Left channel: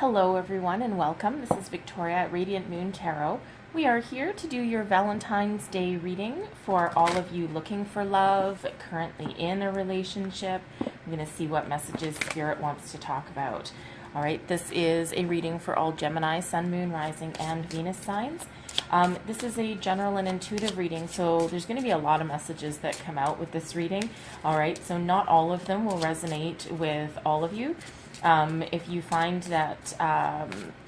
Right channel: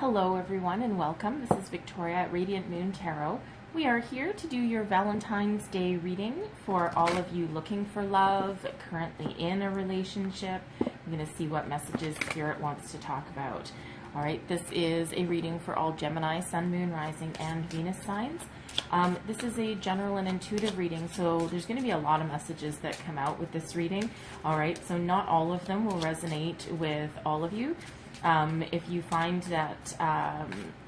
Hello everyone and welcome. This is Victoria at Radiant Moon Tarot. We are here to do your Valentine's Day reading for all of you looking for love, currently in a relationship. I'm going to see what messages Spirit wants to talk about. All right, this is a reading for all Gemini, Sun, Moon, Rising, and Venus signs. This is a general and intuitive reading, so there's going to be a lot of messages that come out with this reading. All right, so not all of them will resonate with all of you. If you find that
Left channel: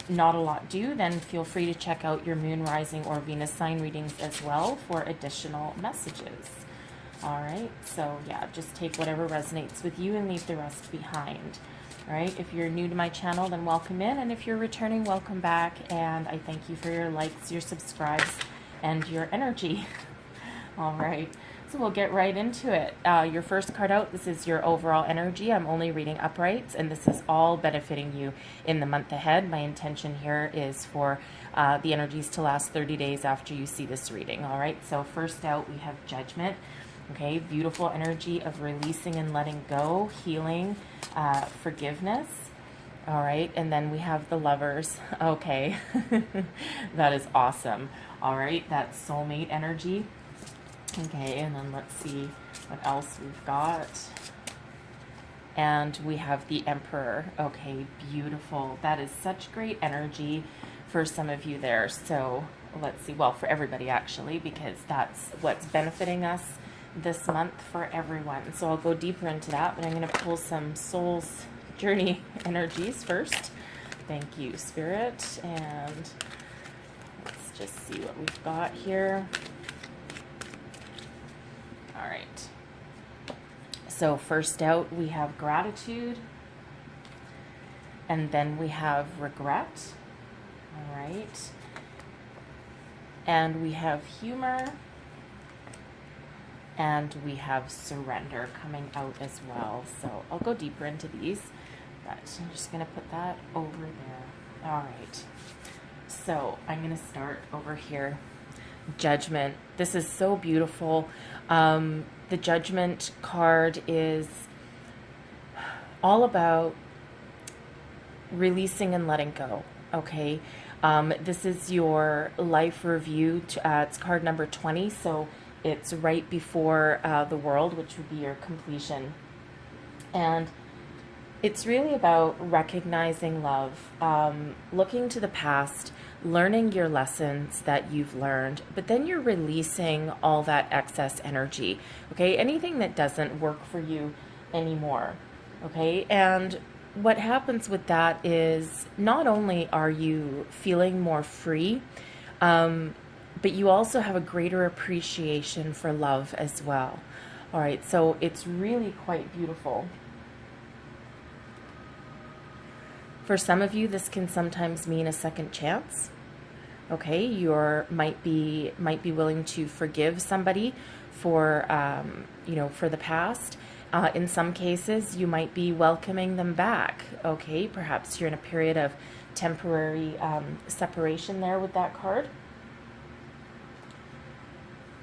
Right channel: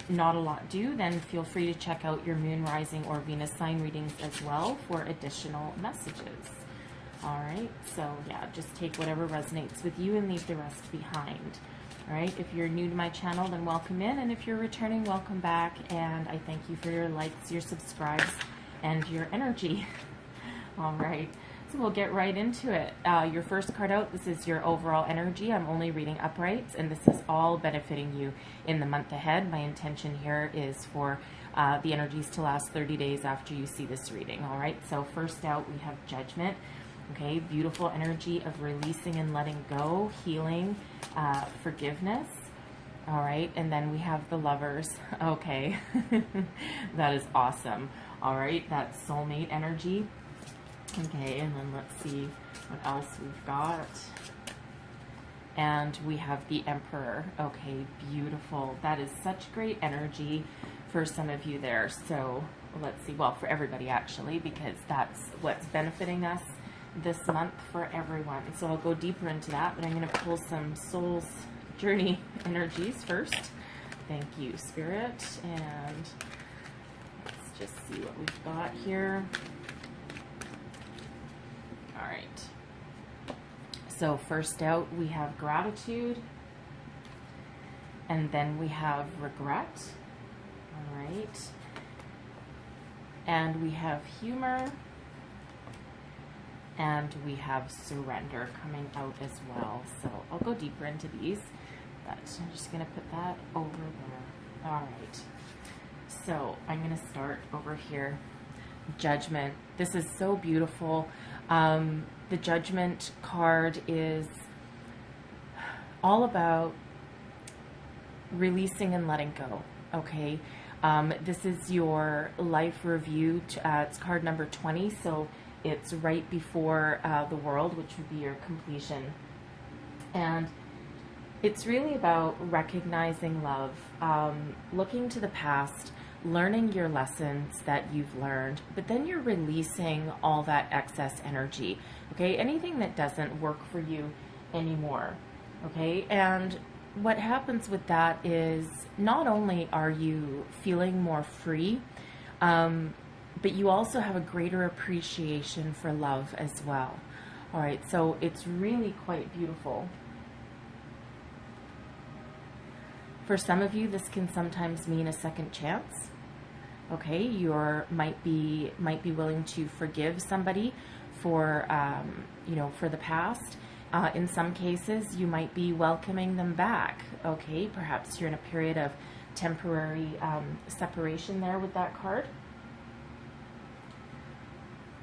not a lot do, then feel free to check out your Moon, Rising, or Venus sign readings as well for additional messages. All right, so yeah, just take whatever resonates with you and leave the rest behind. All right, if you're new to my channel, then welcome in, and if you're returning, welcome back, and I thank you for your likes, your subscribes, and your energy. All right. So we'll get right into it. Your first card out, this is your overall energy. I'm only reading uprights, and this is all benefiting you in the month ahead. My intention here is for the energies to last 30 days after you see this reading. All right, so first out, we have Judgment. Okay, beautiful energy of releasing and letting go, healing, forgiveness. All right, and then we have the Lovers. Okay, that is awesome. All right, that's soulmate energy. Okay, and then let's see what else we've got. And we have the Emperor. Okay, beautiful. That is such great energy for some of you there. So let's see, well, for everybody actually, because that's what's benefiting us this month for everyone. So I'll go deeper into that, but I'm going to pull some Soul's Journey energies first. Thank you, Spirit. And let's just see what we've got here. So first out, we have gratitude, and then we have regret, all right, and we have humor, and we have surrender coming out as well. So I'll go deeper into these, but I'm just going to put that over there. All right, so I'm going to start over here. Judgment. This is so beautiful. The Judgment card is all about releasing and letting go, okay? This is your life review. It's card number 20, so it's right before the World, which would be your completion. And it's really about recognizing love, looking to the past, learning your lessons that you've learned, but then you're releasing all that excess energy, okay? Anything that doesn't work for you anymore, okay? And what happens with that is not only are you feeling more free, but you also have a greater appreciation for love as well. All right, so it's really quite beautiful. For some of you, this can sometimes mean a second chance. Okay, you might be willing to forgive somebody for for the past. In some cases, you might be welcoming them back. Okay, perhaps you're in a period of temporary separation there with that card,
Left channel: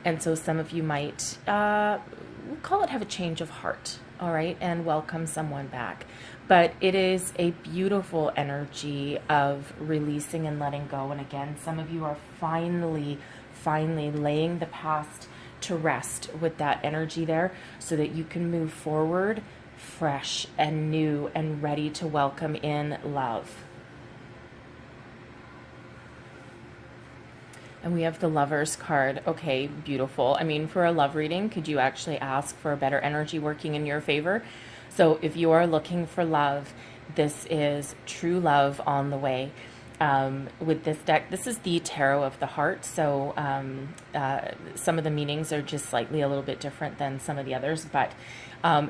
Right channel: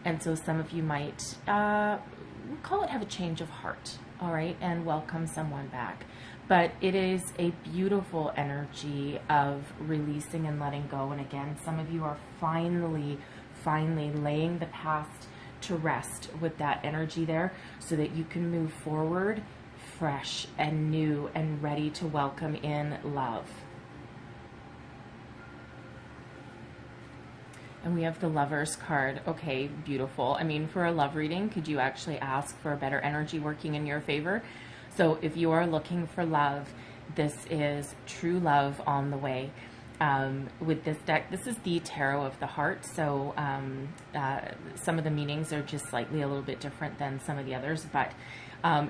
and so some of you might we call it have a change of heart. All right, and welcome someone back. But it is a beautiful energy of releasing and letting go. And again, some of you are finally laying the past to rest with that energy there so that you can move forward fresh and new and ready to welcome in love. And we have the Lovers card. Okay, beautiful. I mean, for a love reading, could you actually ask for a better energy working in your favor? So if you are looking for love, this is true love on the way. With this deck, this is the Tarot of the Heart, so some of the meanings are just slightly a little bit different than some of the others, but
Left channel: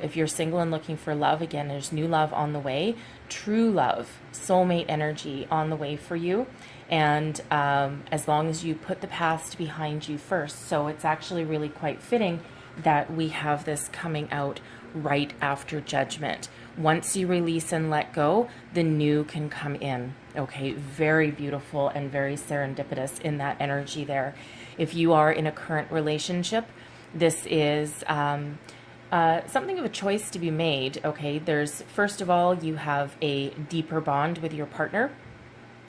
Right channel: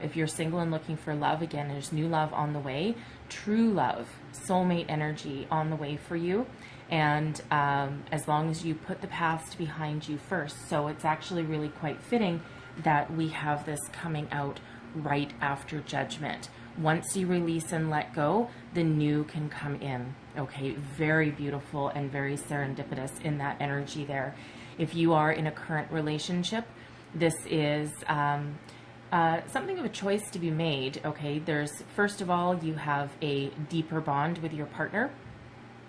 if you're single and looking for love, again, there's new love on the way, true love, soulmate energy on the way for you, and as long as you put the past behind you first. So it's actually really quite fitting that we have this coming out right after Judgment. Once you release and let go, the new can come in. Okay, very beautiful and very serendipitous in that energy there. If you are in a current relationship, this is something of a choice to be made. Okay, there's, first of all, you have a deeper bond with your partner.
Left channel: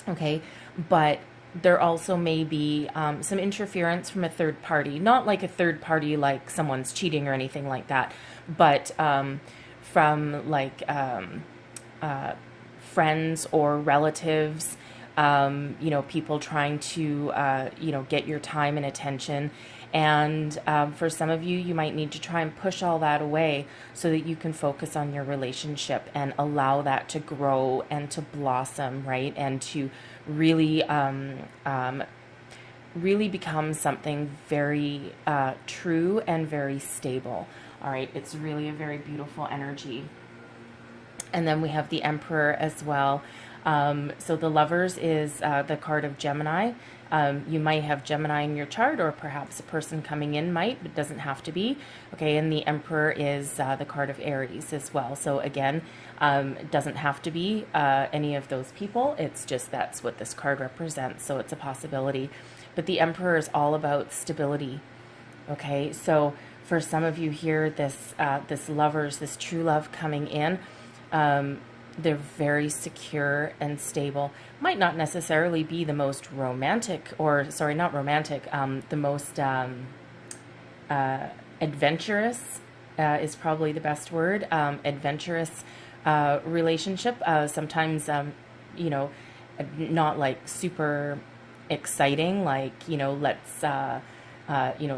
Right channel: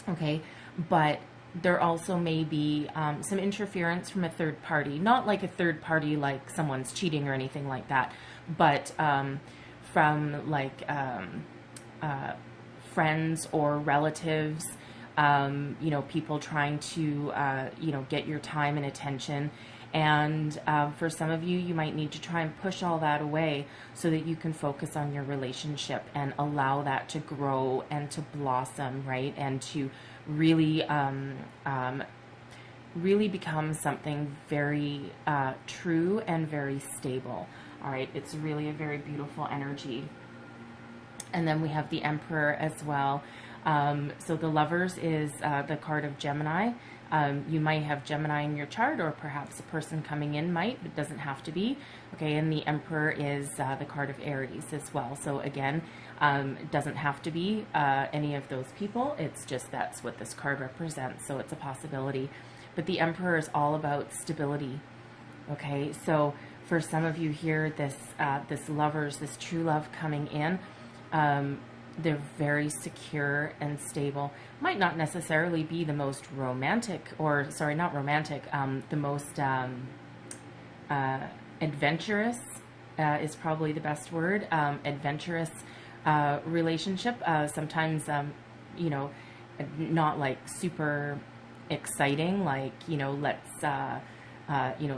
Okay, but there also may be some interference from a third party, not like a third party like someone's cheating or anything like that, but from like friends or relatives, people trying to, get your time and attention. And for some of you, you might need to try and push all that away so that you can focus on your relationship and allow that to grow and to blossom, right? And to really, really become something very true and very stable. All right, it's really a very beautiful energy. And then we have the Emperor as well. So the Lovers is the card of Gemini. You might have Gemini in your chart, or perhaps a person coming in might, but doesn't have to be. Okay, and the Emperor is the card of Aries as well. So again, it doesn't have to be any of those people. It's just that's what this card represents, so it's a possibility. But the Emperor is all about stability. Okay, so for some of you here, this Lovers, this true love coming in, they're very secure and stable. Might not necessarily be the most romantic, or sorry, not romantic, the most adventurous is probably the best word, adventurous relationship. Sometimes, not like super exciting, like,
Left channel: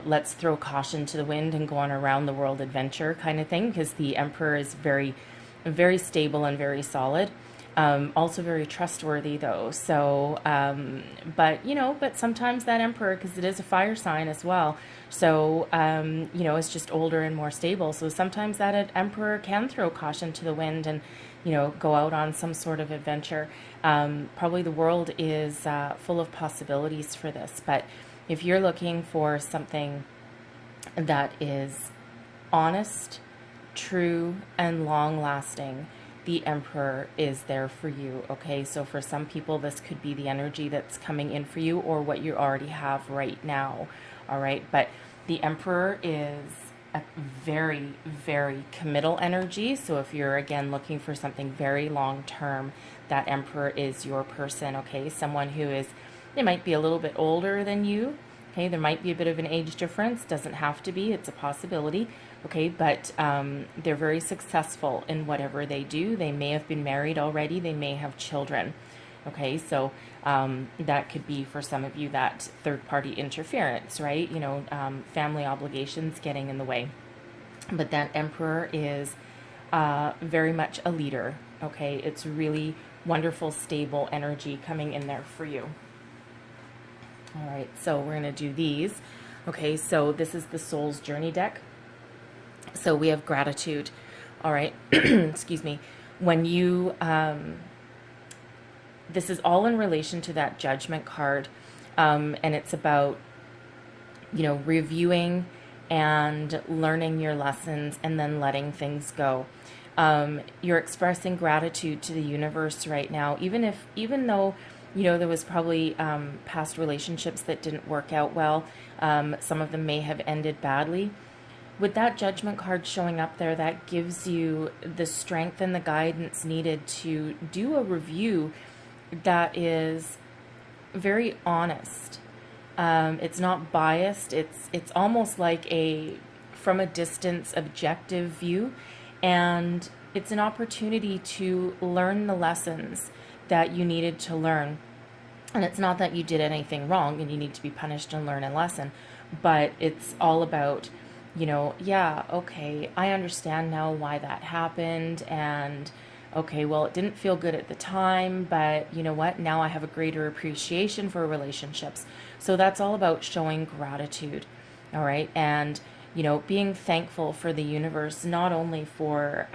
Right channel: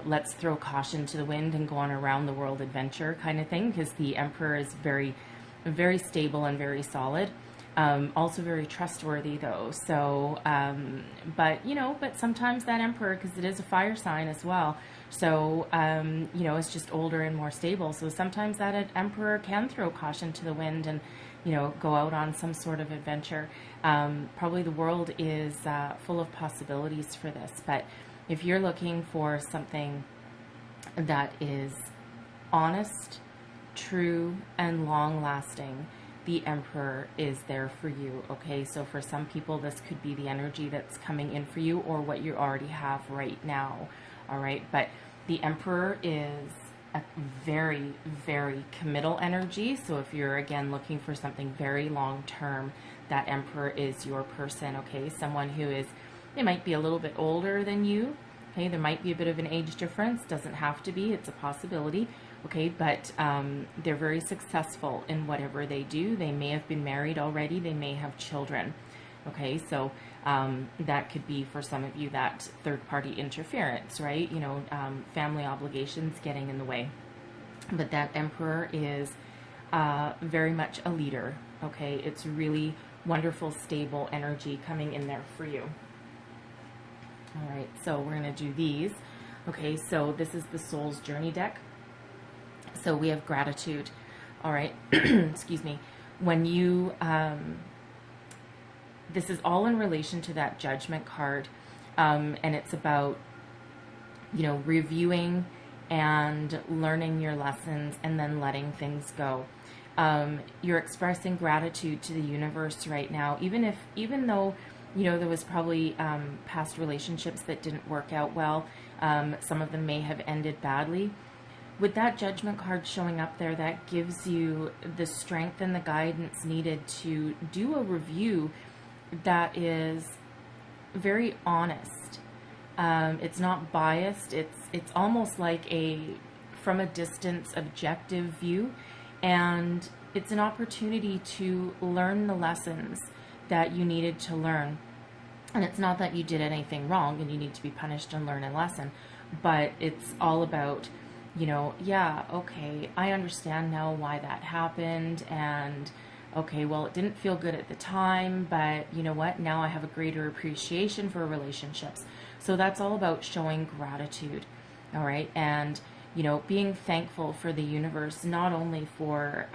let's throw caution to the wind and go on a round the world adventure kind of thing, because the Emperor is very, very stable and very solid. Also very trustworthy though. So, but sometimes that Emperor, because it is a fire sign as well, so, it's just older and more stable. So sometimes that Emperor can throw caution to the wind and, go out on some sort of adventure. Probably the world is full of possibilities for this. But if you're looking for something that is honest, true, and long-lasting, the Emperor is there for you. Okay, so for some people, this could be the energy that's coming in for you, or what you already have right now. All right, but the Emperor is a very, very committal energy. So if you're, again, looking for something very long-term, that Emperor is your person. Okay, someone who is, they might be a little bit older than you. Okay, there might be a bit of an age difference. Doesn't have to be. It's a possibility. Okay, but they're very successful in whatever they do. They may have been married already. They may have children. Okay, so that could be for some of you that third-party interference, right? Family obligations getting in the way. But that Emperor is very much a leader. Okay, it's really wonderful, stable energy coming in there for you. All right, so we're going to do these. Okay, so this is the Soul's Journey deck. So we have gratitude. All right, excuse me. When you, this is all in relation to that Judgment card, and it's about, reviewing and learning your lessons and then letting things go. You're expressing gratitude to the universe right now, even though, there was probably past relationships that didn't work out well. Some of them may have ended badly. With that Judgment card showing up there, that gives you the strength and the guidance needed to do a review that is very honest. It's not biased. It's almost like a from a distance objective view, and it's an opportunity to learn the lessons that you needed to learn. And it's not that you did anything wrong and you need to be punished and learn a lesson, but it's all about, okay, I understand now why that happened, and okay, well, it didn't feel good at the time, but you know what? Now I have a greater appreciation for relationships. So that's all about showing gratitude, all right? And, being thankful for the universe, not only for,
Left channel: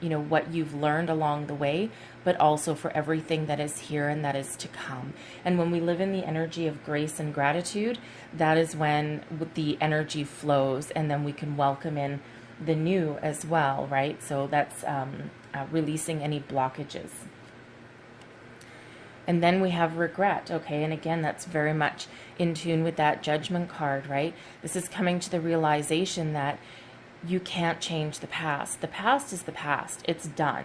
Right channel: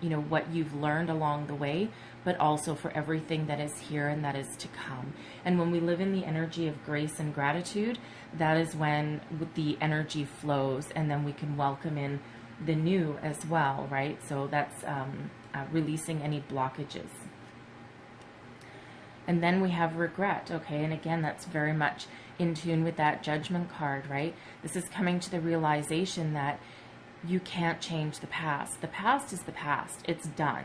what you've learned along the way, but also for everything that is here and that is to come. And when we live in the energy of grace and gratitude, that is when the energy flows, and then we can welcome in the new as well, right? So that's releasing any blockages. And then we have regret, okay? And again, that's very much in tune with that Judgment card, right? This is coming to the realization that you can't change the past. The past is the past. It's done.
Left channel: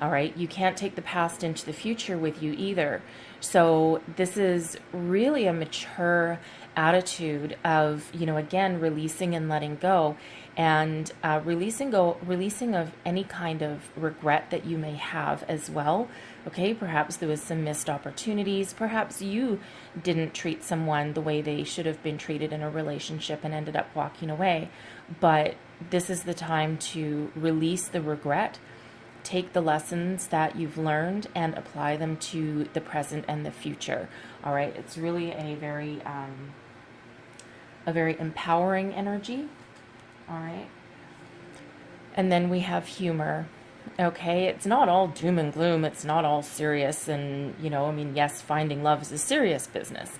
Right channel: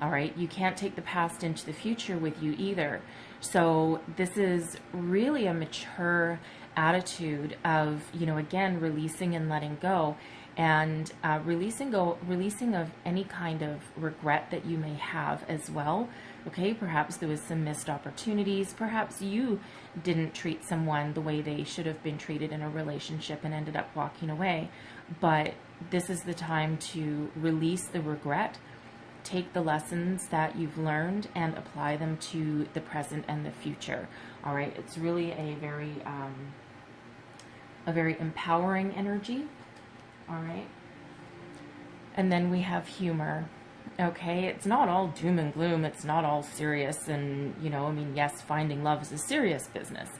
All right. You can't take the past into the future with you either. So this is really a mature attitude of, again, releasing and letting go, and releasing of any kind of regret that you may have as well. Okay, perhaps there was some missed opportunities. Perhaps you didn't treat someone the way they should have been treated in a relationship and ended up walking away. But this is the time to release the regret, take the lessons that you've learned and apply them to the present and the future. All right, it's really a very empowering energy. All right, and then we have humor. Okay, it's not all doom and gloom. It's not all serious. And, yes, finding love is a serious business.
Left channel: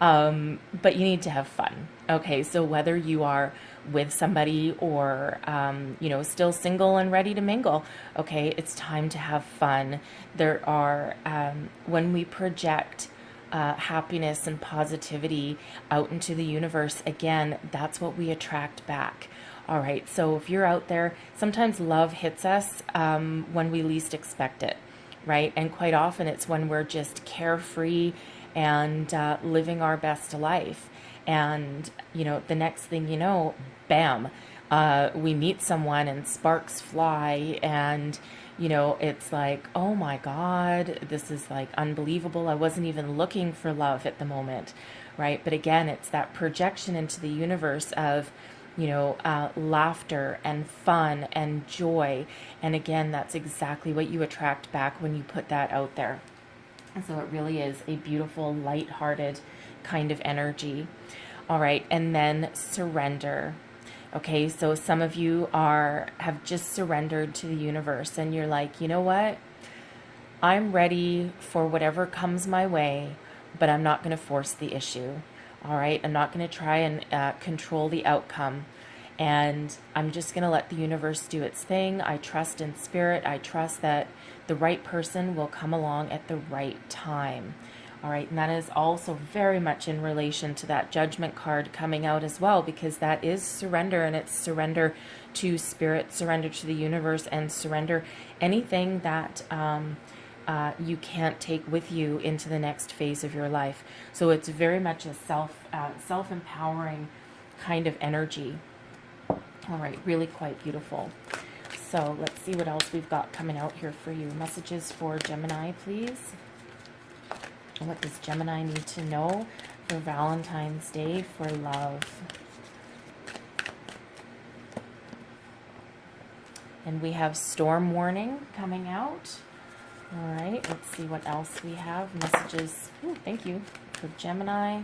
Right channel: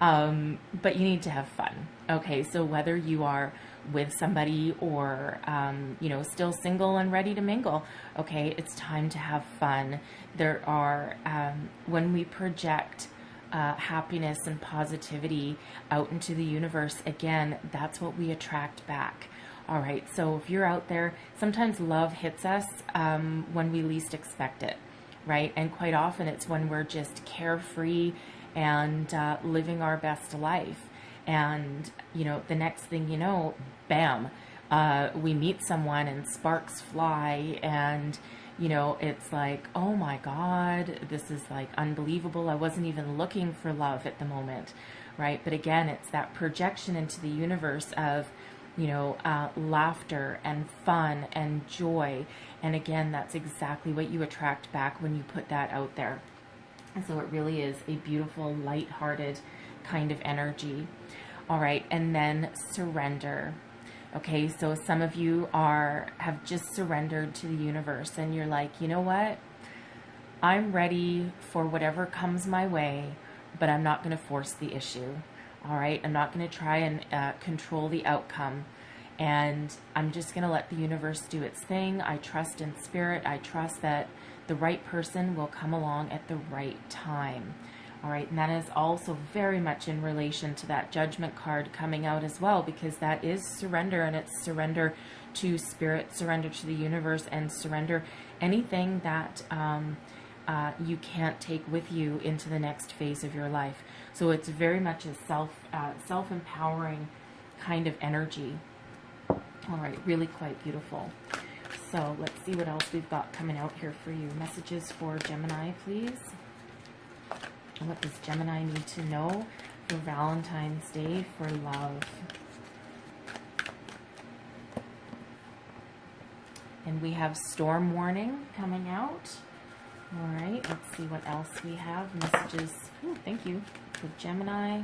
But you need to have fun. Okay, so whether you are with somebody or, still single and ready to mingle, okay, it's time to have fun. There are, when we project happiness and positivity out into the universe, again, that's what we attract back. All right, so if you're out there, sometimes love hits us when we least expect it, right? And quite often it's when we're just carefree and living our best life. And, the next thing you know, bam, we meet someone and sparks fly, and, it's like, oh my God, this is like unbelievable. I wasn't even looking for love at the moment, right? But again, it's that projection into the universe of, laughter and fun and joy. And again, that's exactly what you attract back when you put that out there. And so it really is a beautiful, lighthearted kind of energy. All right, and then surrender. Okay, so some of you have just surrendered to the universe, and you're like, you know what? I'm ready for whatever comes my way, but I'm not going to force the issue. All right, I'm not going to try and control the outcome, and I'm just going to let the universe do its thing. I trust in spirit. I trust that the right person will come along at the right time. All right, and that is also very much in relation to that judgment card coming out as well, because that is surrender, and it's surrender to spirit, surrender to the universe, and surrender anything that you can't take with you into the next phase of your life. So it's very much a self-empowering kind of energy. All right, really quite beautiful. So let's see what else we've got coming out here for you. Messages for Gemini, please. What does Gemini need to know for Valentine's Day for love? And we have storm warning coming out. All right, let's see what else we have. Messages, thank you, for Gemini.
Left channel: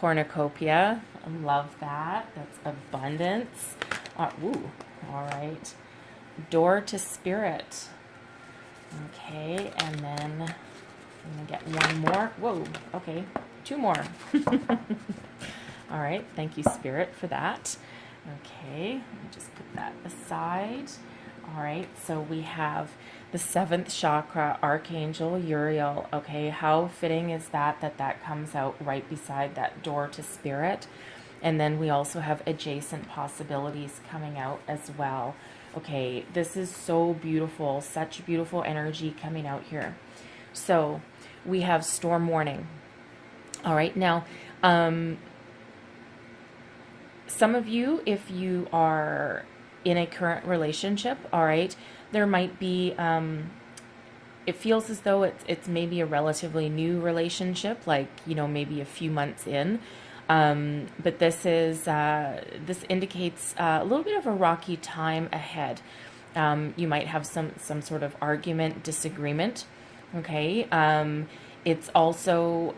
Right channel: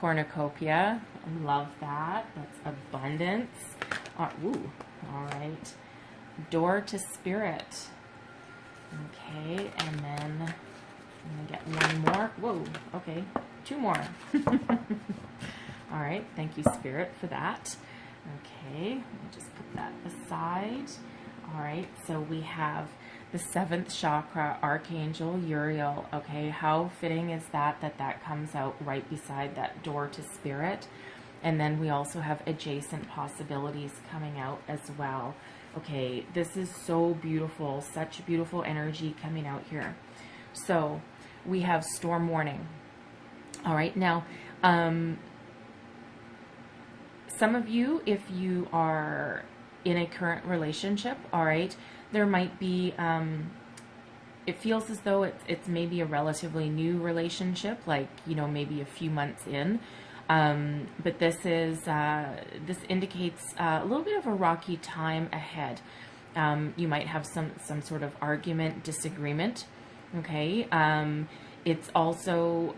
Cornucopia, I love that. That's abundance. All right. Door to spirit. Okay, and then I'm going to get one more. Whoa, okay, two more. All right, thank you, Spirit, for that. Okay, let me just put that aside. All right, so we have the 7th chakra, Archangel Uriel. Okay, how fitting is that comes out right beside that door to spirit. And then we also have adjacent possibilities coming out as well. Okay, this is so beautiful, such beautiful energy coming out here. So we have storm warning. All right, now, some of you, if you are in a current relationship, all right, there might be, it feels as though it's maybe a relatively new relationship, like, maybe a few months in. But this indicates a little bit of a rocky time ahead. You might have some sort of argument, disagreement. Okay. It's also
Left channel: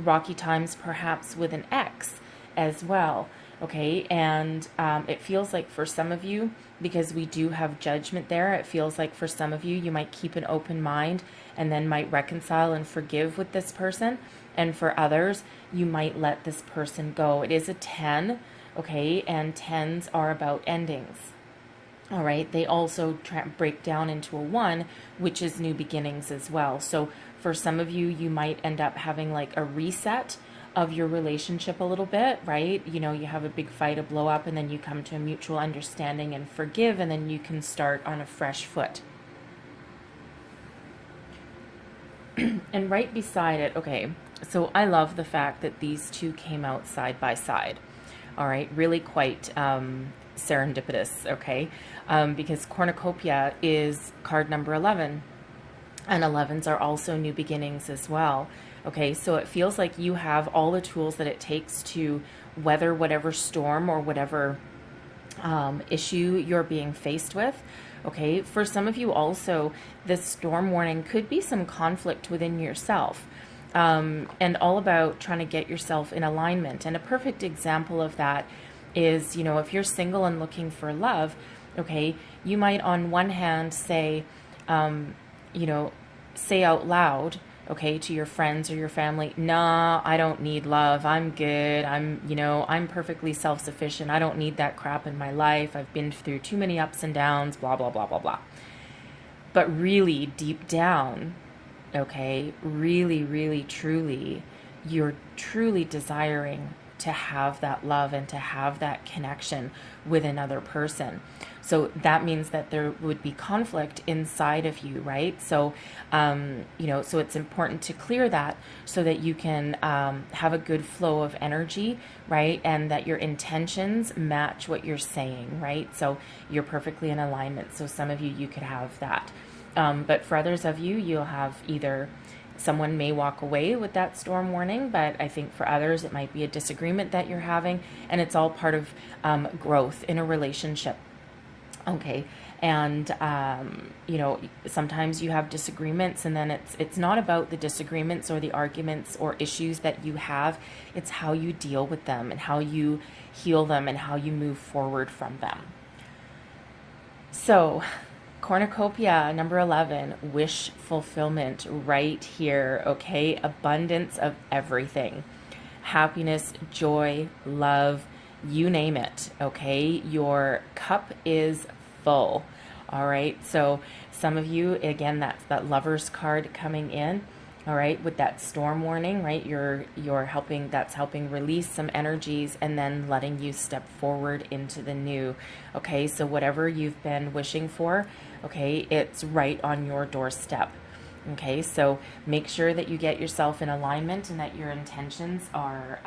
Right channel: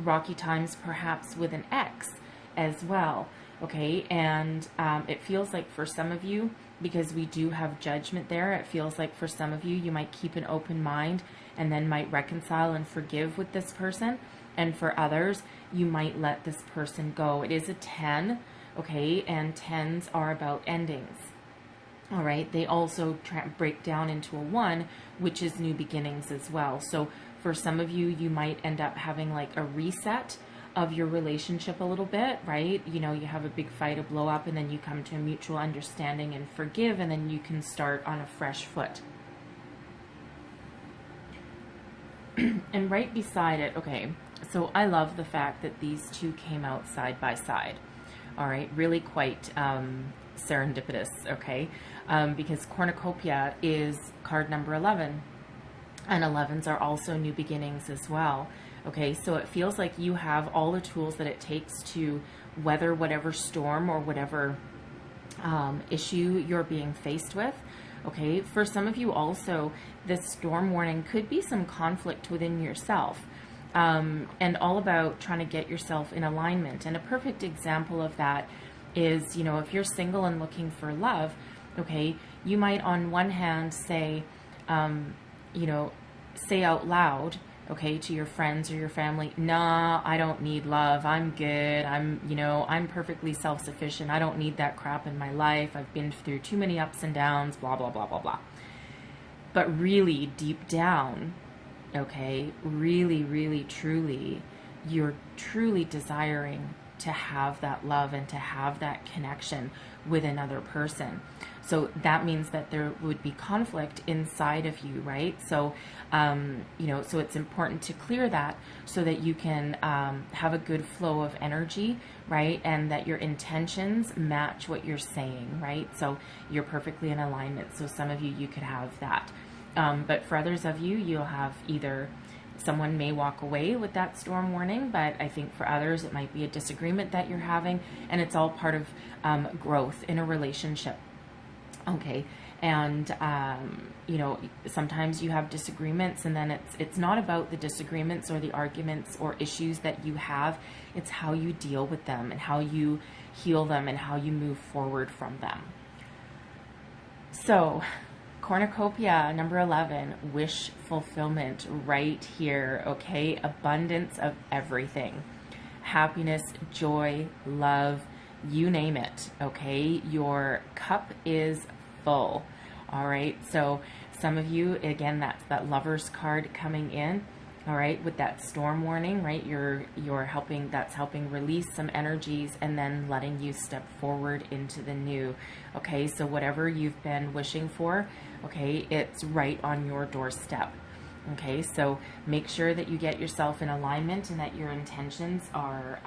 rocky times perhaps with an ex as well. Okay. And it feels like for some of you, because we do have judgment there, it feels like for some of you, you might keep an open mind and then might reconcile and forgive with this person. And for others, you might let this person go. It is a 10, okay, and 10s are about endings. All right, they also break down into a 1, which is new beginnings as well. So for some of you, you might end up having like a reset of your relationship a little bit, right? You know, you have a big fight, a blow up, and then you come to a mutual understanding and forgive, and then you can start on a fresh foot. And right beside it, okay, so I love the fact that these two came out side by side. All right, really quite serendipitous, okay? Because cornucopia is card number 11, and 11s are also new beginnings as well. Okay, so it feels like you have all the tools that it takes to weather whatever storm or whatever issue you're being faced with. Okay, for some of you also, this storm warning could be some conflict within yourself, and all about trying to get yourself in alignment. And a perfect example of that is, you know, if you're single and looking for love, okay, you might on one hand say, you know, say out loud, okay, to your friends or your family, nah, I don't need love. I'm good. I'm perfectly self-sufficient. I don't need that crap in my life. I've been through too many ups and downs, blah, blah, blah, blah, blah. But really deep down, okay, really, really, truly, you're truly desiring to have that love and to have that connection with another person. So that means that there would be conflict inside of you, right? So, you know, so it's important to clear that so that you can have a good flow of energy, right? And that your intentions match what you're saying, right? So you're perfectly in alignment. So some of you could have that. But for others of you, you'll have either someone may walk away with that storm warning, but I think for others, it might be a disagreement that you're having, and it's all part of growth in a relationship. Okay, and you know, sometimes you have disagreements, and then it's not about the disagreements or the arguments or issues that you have. It's how you deal with them and how you heal them and how you move forward from them. So, cornucopia number 11, wish fulfillment right here. Okay, abundance of everything, happiness, joy, love, you name it. Okay, your cup is full. All right, so some of you, again, that's that Lover's card coming in. All right, with that storm warning, right? You're helping. That's helping release some energies and then letting you step forward into the new. Okay, so whatever you've been wishing for, okay, it's right on your doorstep. Okay, so make sure that you get yourself in alignment and that your intentions are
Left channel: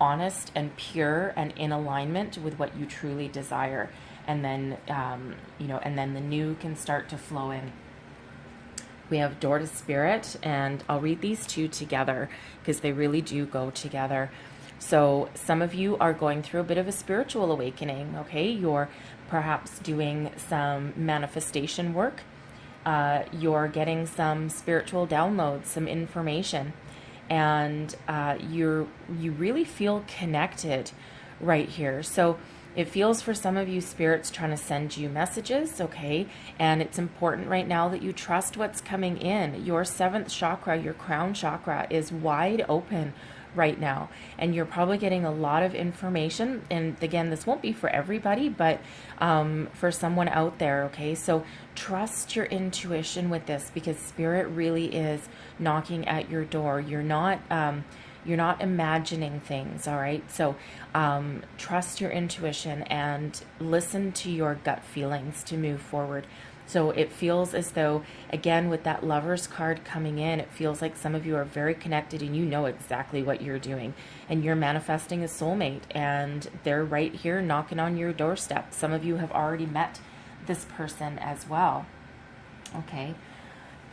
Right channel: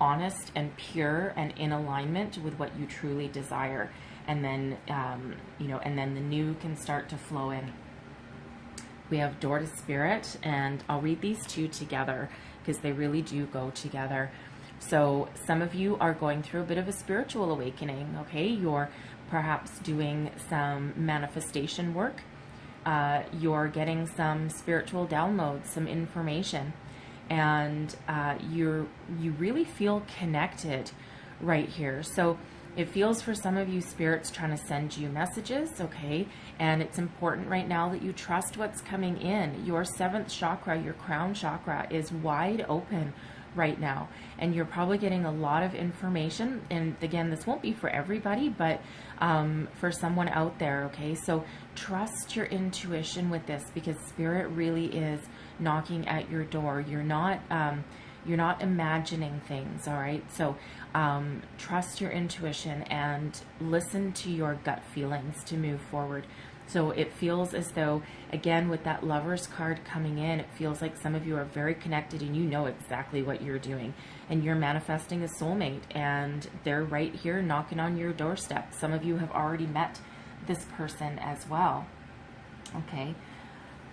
honest and pure and in alignment with what you truly desire. And then, you know, and then the new can start to flow in. We have Door to Spirit, and I'll read these two together because they really do go together. So some of you are going through a bit of a spiritual awakening, okay? You're perhaps doing some manifestation work. You're getting some spiritual downloads, some information, and you really feel connected right here. So it feels for some of you, Spirit's trying to send you messages, okay? And it's important right now that you trust what's coming in. Your 7th chakra, your crown chakra, is wide open right now. And you're probably getting a lot of information. And again, this won't be for everybody, but for someone out there, okay? So trust your intuition with this, because Spirit really is knocking at your door. You're not imagining things, all right? So trust your intuition and listen to your gut feelings to move forward. So it feels as though, again, with that Lover's card coming in, it feels like some of you are very connected and you know exactly what you're doing. And you're manifesting a soulmate, and they're right here knocking on your doorstep. Some of you have already met this person as well. Okay.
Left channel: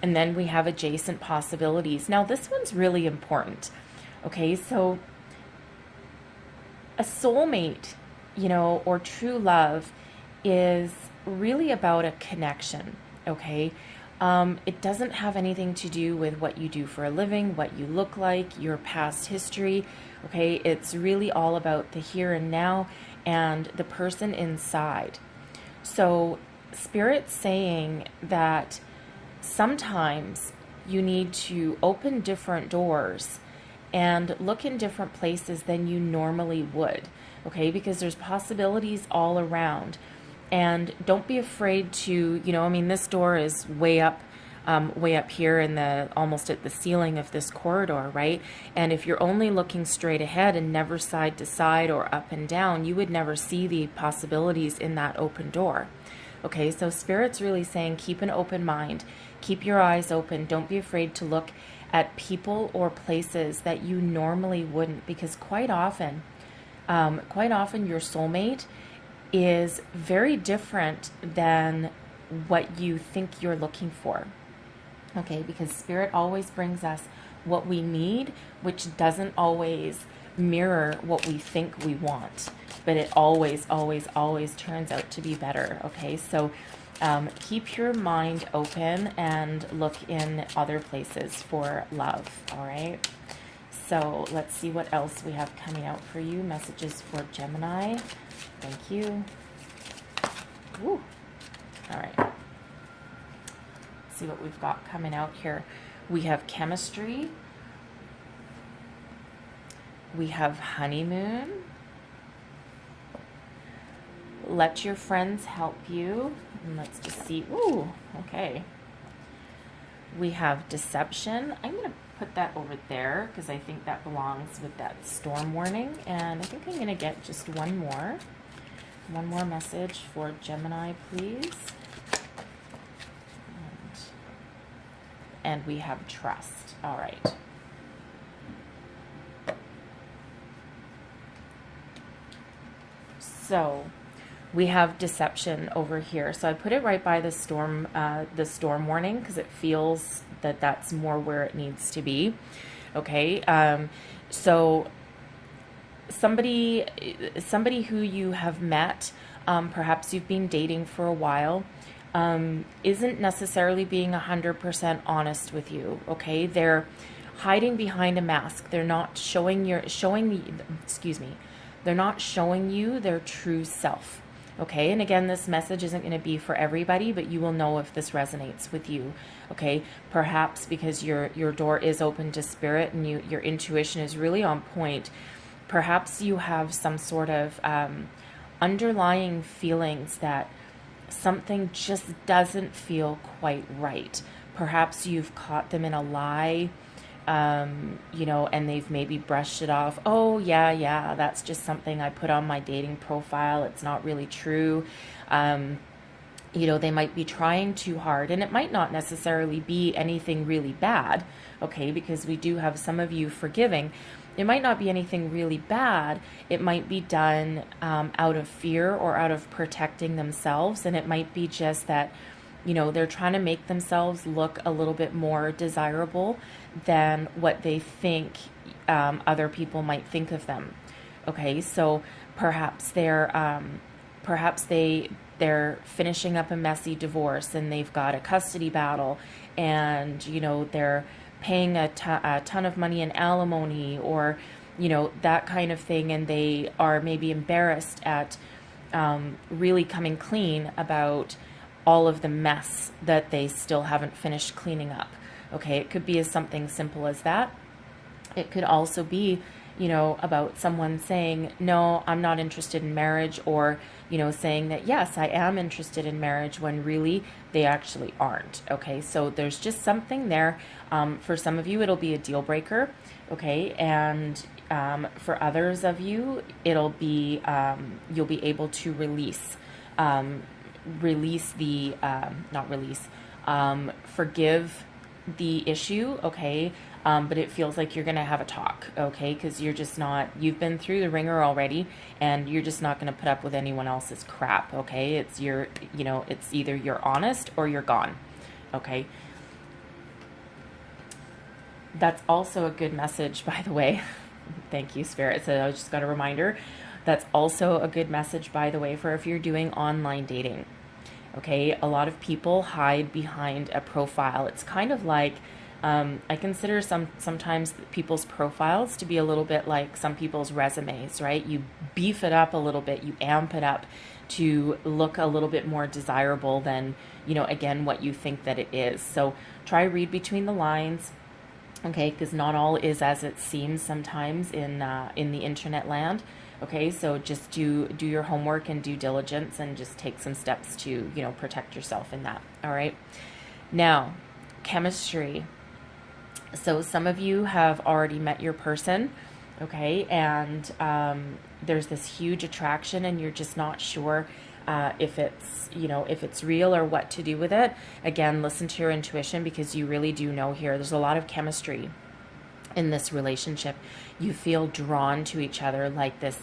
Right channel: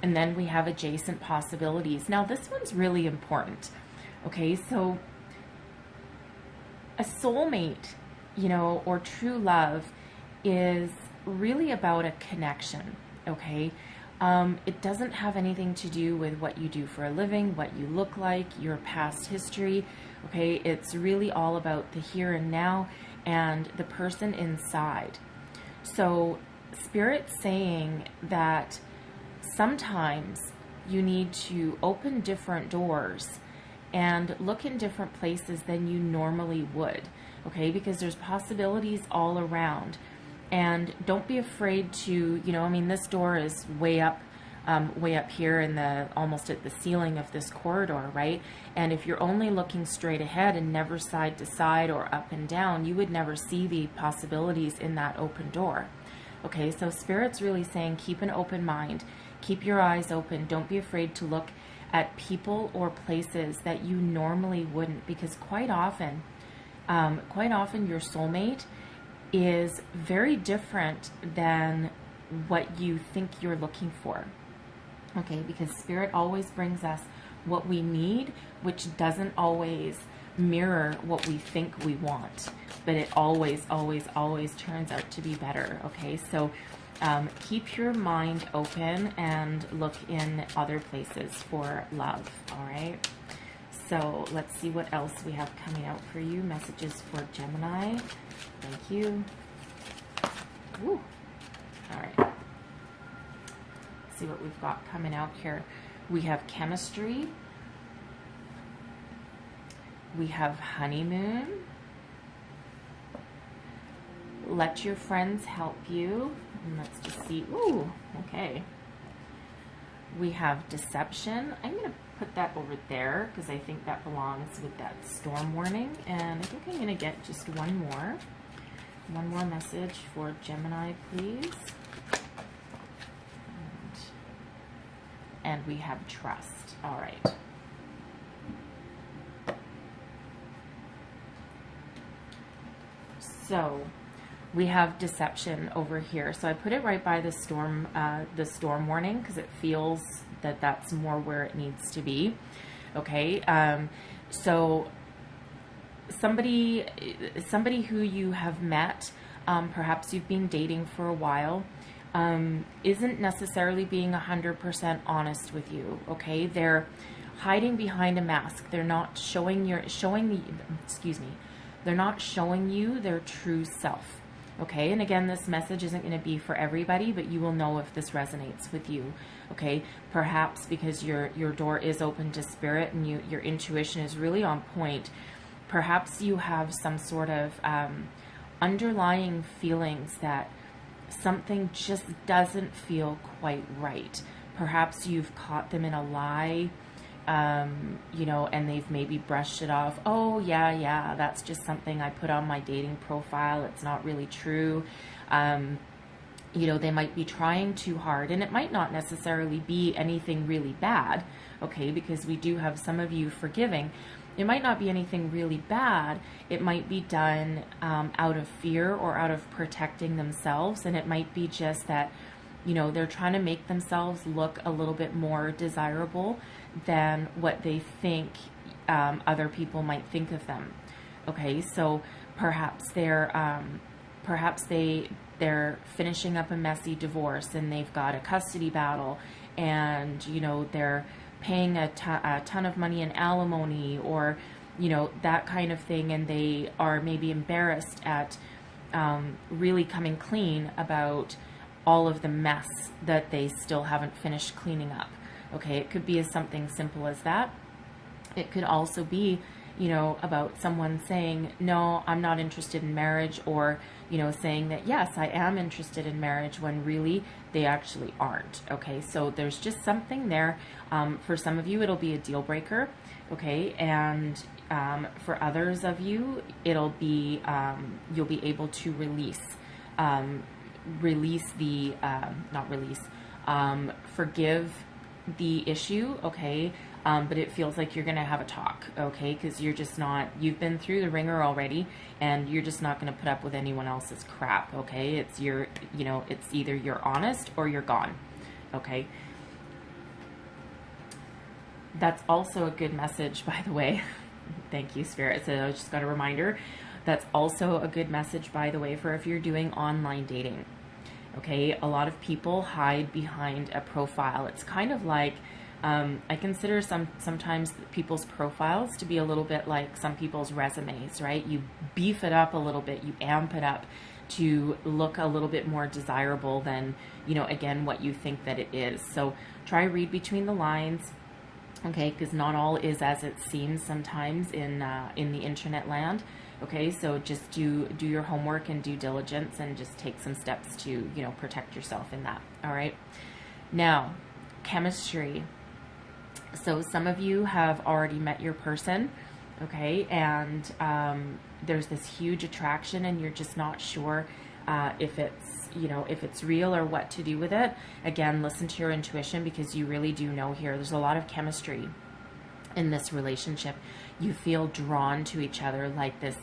And then we have adjacent possibilities. Now, this one's really important. Okay, so a soulmate, you know, or true love is really about a connection, okay? It doesn't have anything to do with what you do for a living, what you look like, your past history, okay? It's really all about the here and now and the person inside. So Spirit's saying that sometimes you need to open different doors and look in different places than you normally would, okay? Because there's possibilities all around. And don't be afraid to, you know, I mean, this door is way up way up here in the, almost at the ceiling of this corridor, right? And if you're only looking straight ahead and never side to side or up and down, you would never see the possibilities in that open door. Okay, so Spirit's really saying keep an open mind, keep your eyes open, don't be afraid to look at people or places that you normally wouldn't, because quite often your soulmate is very different than what you think you're looking for. Okay, because Spirit always brings us what we need, which doesn't always mirror what we think we want, but it always, always, always turns out to be better. Okay, so keep your mind open and look in other places for love. All right, so let's see what else we have coming out for you. Messages for Gemini. Thank you. Woo. All right, let's see what we've got coming out here. We have chemistry. We have honeymoon. Let your friends help you. And let's just see. Ooh, okay. We have deception. I'm going to put that over there because I think that belongs with that storm warning. And I think I'm going to get just one more. One more message for Gemini, please. And we have trust. All right. So we have deception over here. So I put it right by the storm warning because it feels that that's more where it needs to be. Okay. So somebody who you have met, perhaps you've been dating for a while, isn't necessarily being 100% honest with you. Okay. They're hiding behind a mask. They're not they're not showing you their true self. Okay, and again, this message isn't going to be for everybody, but you will know if this resonates with you. Okay, perhaps because your door is open to Spirit and your intuition is really on point. Perhaps you have some sort of underlying feelings that something just doesn't feel quite right. Perhaps you've caught them in a lie. And they've maybe brushed it off. Oh, yeah, that's just something I put on my dating profile. It's not really true. They might be trying too hard, and it might not necessarily be anything really bad, okay, because we do have some of you forgiving. It might not be anything really bad. It might be done out of fear or out of protecting themselves, and it might be just that, they're trying to make themselves look a little bit more desirable than what they think other people might think of them. Okay, so perhaps they're finishing up a messy divorce and they've got a custody battle, and they're paying a ton of money in alimony or that kind of thing, and they are maybe embarrassed at really coming clean about all of the mess that they still haven't finished cleaning up. Okay, it could be as something simple as that. It could also be, about someone saying, no, I'm not interested in marriage, or, saying that, yes, I am interested in marriage when really they actually aren't. Okay, so there's just something there. For some of you, it'll be a deal breaker. Okay, and for others of you, it'll be, you'll be able to forgive the issue, okay, but it feels like you're going to have a talk, okay, because you've been through the ringer already, and you're just not going to put up with anyone else's crap, okay. It's it's either you're honest or you're gone, okay. That's also a good message, by the way. Thank you, Spirit. So I just got a reminder. That's also a good message, by the way, for if you're doing online dating. Okay, a lot of people hide behind a profile. It's kind of like, I consider sometimes people's profiles to be a little bit like some people's resumes, right? You beef it up a little bit, you amp it up to look a little bit more desirable than, again, what you think that it is. So try read between the lines, okay, because not all is as it seems sometimes in the internet land. Okay, so just do your homework and due diligence, and just take some steps to, protect yourself in that. All right. Now, chemistry. So some of you have already met your person, okay, and there's this huge attraction, and you're just not sure if it's, if it's real or what to do with it. Again, listen to your intuition, because you really do know here. There's a lot of chemistry in this relationship. You feel drawn to each other like this,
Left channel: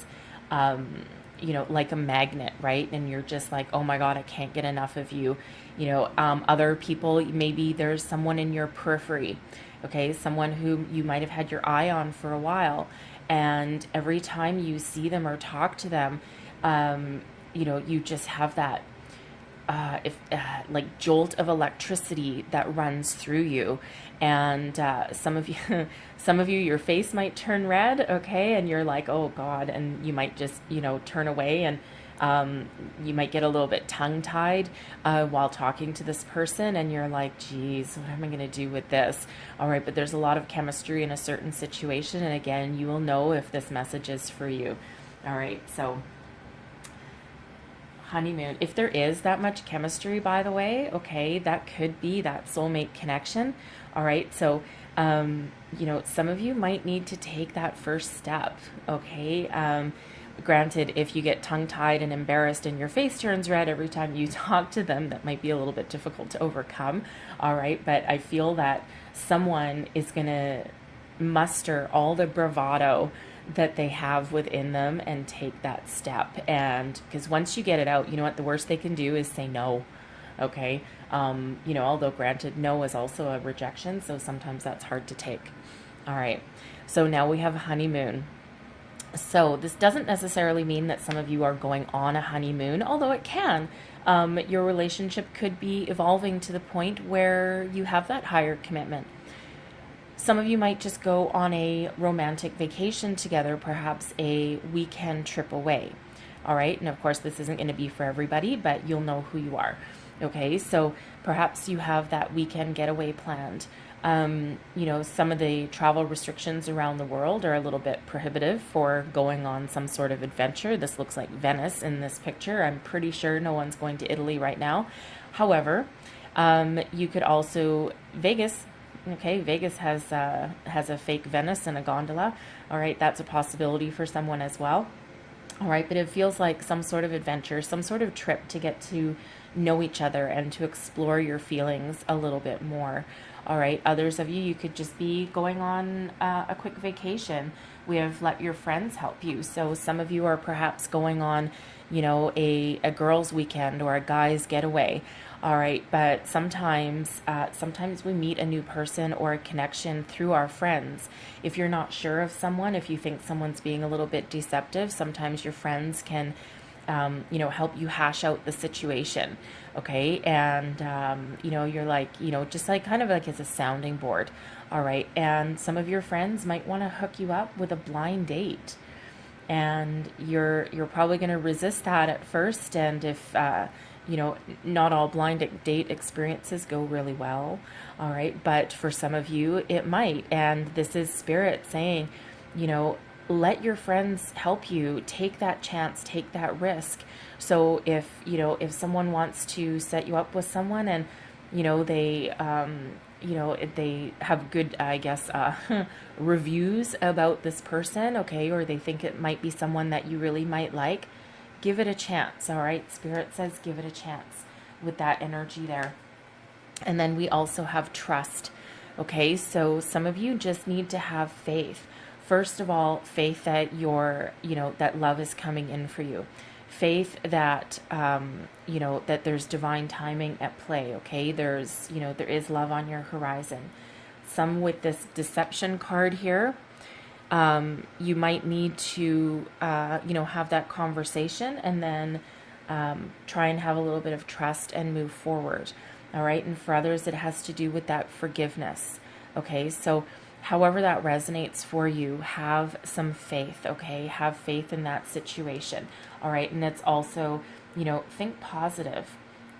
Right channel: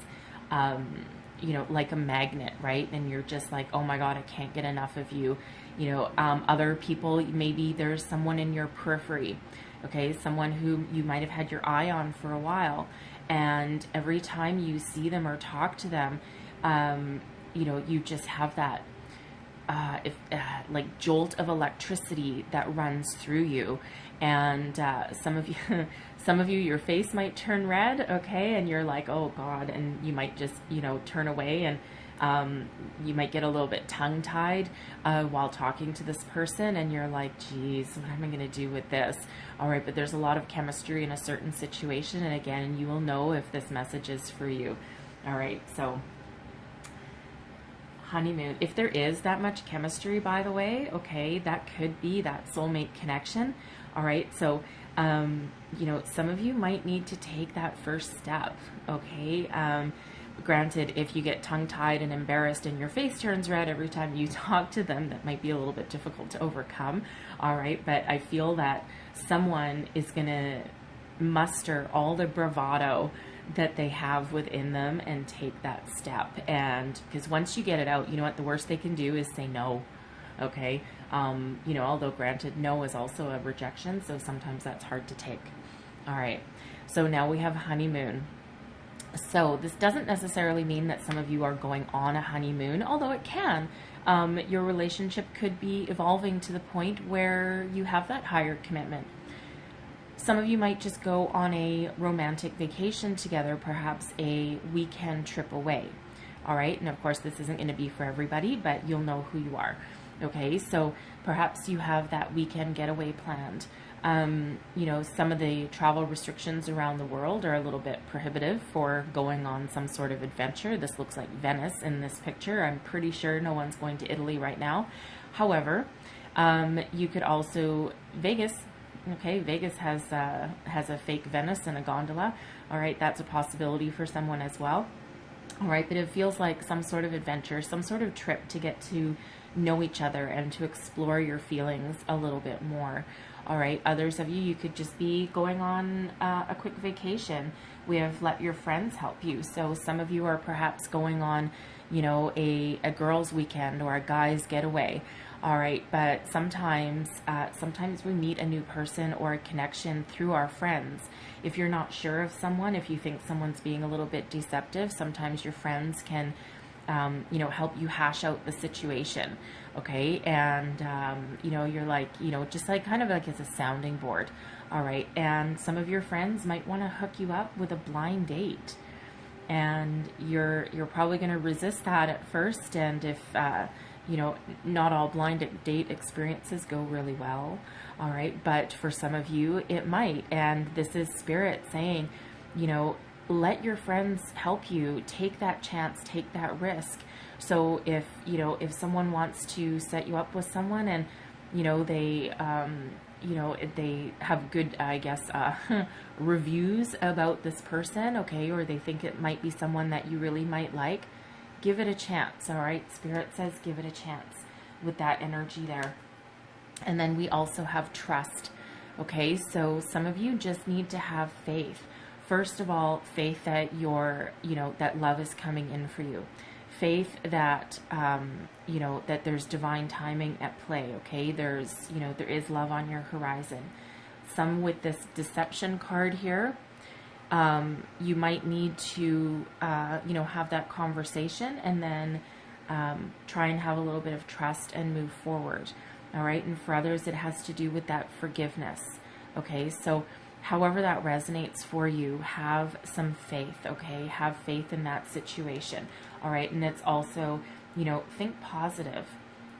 like a magnet, right? And you're just like, oh my God, I can't get enough of you. Other people, maybe there's someone in your periphery, okay? Someone who you might have had your eye on for a while. And every time you see them or talk to them, you just have that like jolt of electricity that runs through you. And some of you, your face might turn red, okay, and you're like, oh God, and you might just turn away, and you might get a little bit tongue-tied while talking to this person, and you're like, geez, what am I going to do with this? All right, but there's a lot of chemistry in a certain situation, and again, you will know if this message is for you. All right, so honeymoon, if there is that much chemistry, by the way, okay, that could be that soulmate connection. All right, so some of you might need to take that first step, okay? Granted, if you get tongue-tied and embarrassed and your face turns red every time you talk to them, that might be a little bit difficult to overcome, all right? But I feel that someone is going to muster all the bravado that they have within them and take that step. And because once you get it out, you know what, the worst they can do is say no, okay? Although granted, no is also a rejection, so sometimes that's hard to take. All right, so now we have honeymoon. So this doesn't necessarily mean that some of you are going on a honeymoon, although it can. Your relationship could be evolving to the point where you have that higher commitment. Some of you might just go on a romantic vacation together, perhaps a weekend trip away. All right, and of course this isn't going to be for everybody, but you'll know who you are. Okay, so perhaps you have that weekend getaway planned. Some of the travel restrictions around the world are a little bit prohibitive for going on some sort of adventure. This looks like Venice in this picture. I'm pretty sure no one's going to Italy right now. However, you could also, Vegas, okay, Vegas has a fake Venice and a gondola. All right, that's a possibility for someone as well. All right, but it feels like some sort of adventure, some sort of trip to get to know each other and to explore your feelings a little bit more. All right, others of you, you could just be going on a quick vacation. We have let your friends help you. So some of you are perhaps going on, a girls' weekend or a guys' getaway. All right, but sometimes we meet a new person or a connection through our friends. If you're not sure of someone, if you think someone's being a little bit deceptive, sometimes your friends can help you hash out the situation, okay? And, you're like, just like kind of like as a sounding board, all right? And some of your friends might want to hook you up with a blind date. And you're probably going to resist that at first. And if, not all blind date experiences go really well, all right? But for some of you, it might. And this is Spirit saying, let your friends help you. Take that chance, take that risk. So if someone wants to set you up with someone and they they have good, I guess, reviews about this person, okay, or they think it might be someone that you really might like, give it a chance. All right, Spirit says give it a chance with that energy there. And then we also have trust. Okay, so some of you just need to have faith. First of all, faith that that love is coming in for you. Faith that, that there's divine timing at play, okay? There is love on your horizon. Some with this deception card here, you might need to, have that conversation and then try and have a little bit of trust and move forward, all right? And for others, it has to do with that forgiveness, okay? So however that resonates for you, have some faith, okay? Have faith in that situation, all right? And it's also, think positive,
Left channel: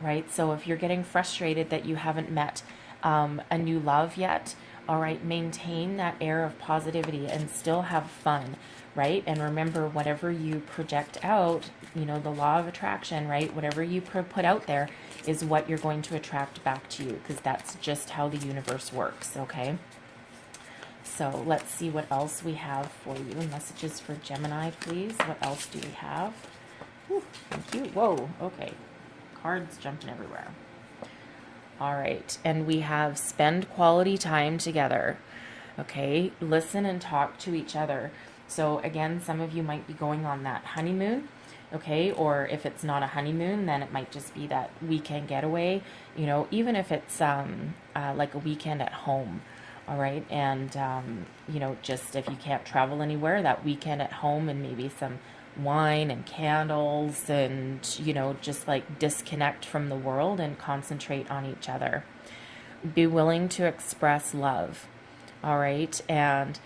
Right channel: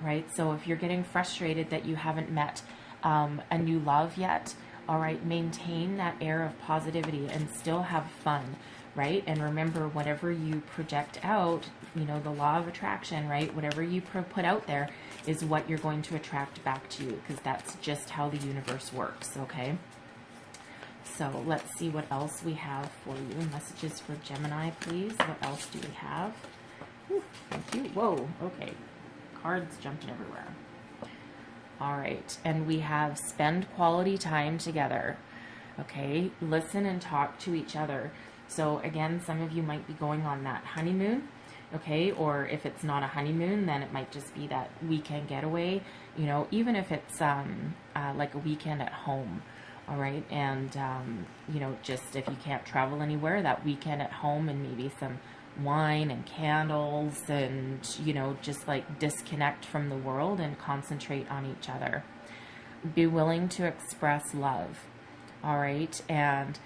right? So if you're getting frustrated that you haven't met a new love yet, all right, maintain that air of positivity and still have fun, right? And remember, whatever you project out, the law of attraction, right? Whatever you put out there is what you're going to attract back to you, because that's just how the universe works, okay? So let's see what else we have for you. Messages for Gemini, please. What else do we have? Whew, thank you. Whoa, okay. Cards jumping everywhere. All right, and we have spend quality time together. Okay, listen and talk to each other. So again, some of you might be going on that honeymoon, okay? Or if it's not a honeymoon, then it might just be that weekend getaway, you know, even if it's like a weekend at home, all right? And, you know, just if you can't travel anywhere, that weekend at home and maybe some wine and candles and, you know, just like disconnect from the world and concentrate on each other. Be willing to express love. All right, and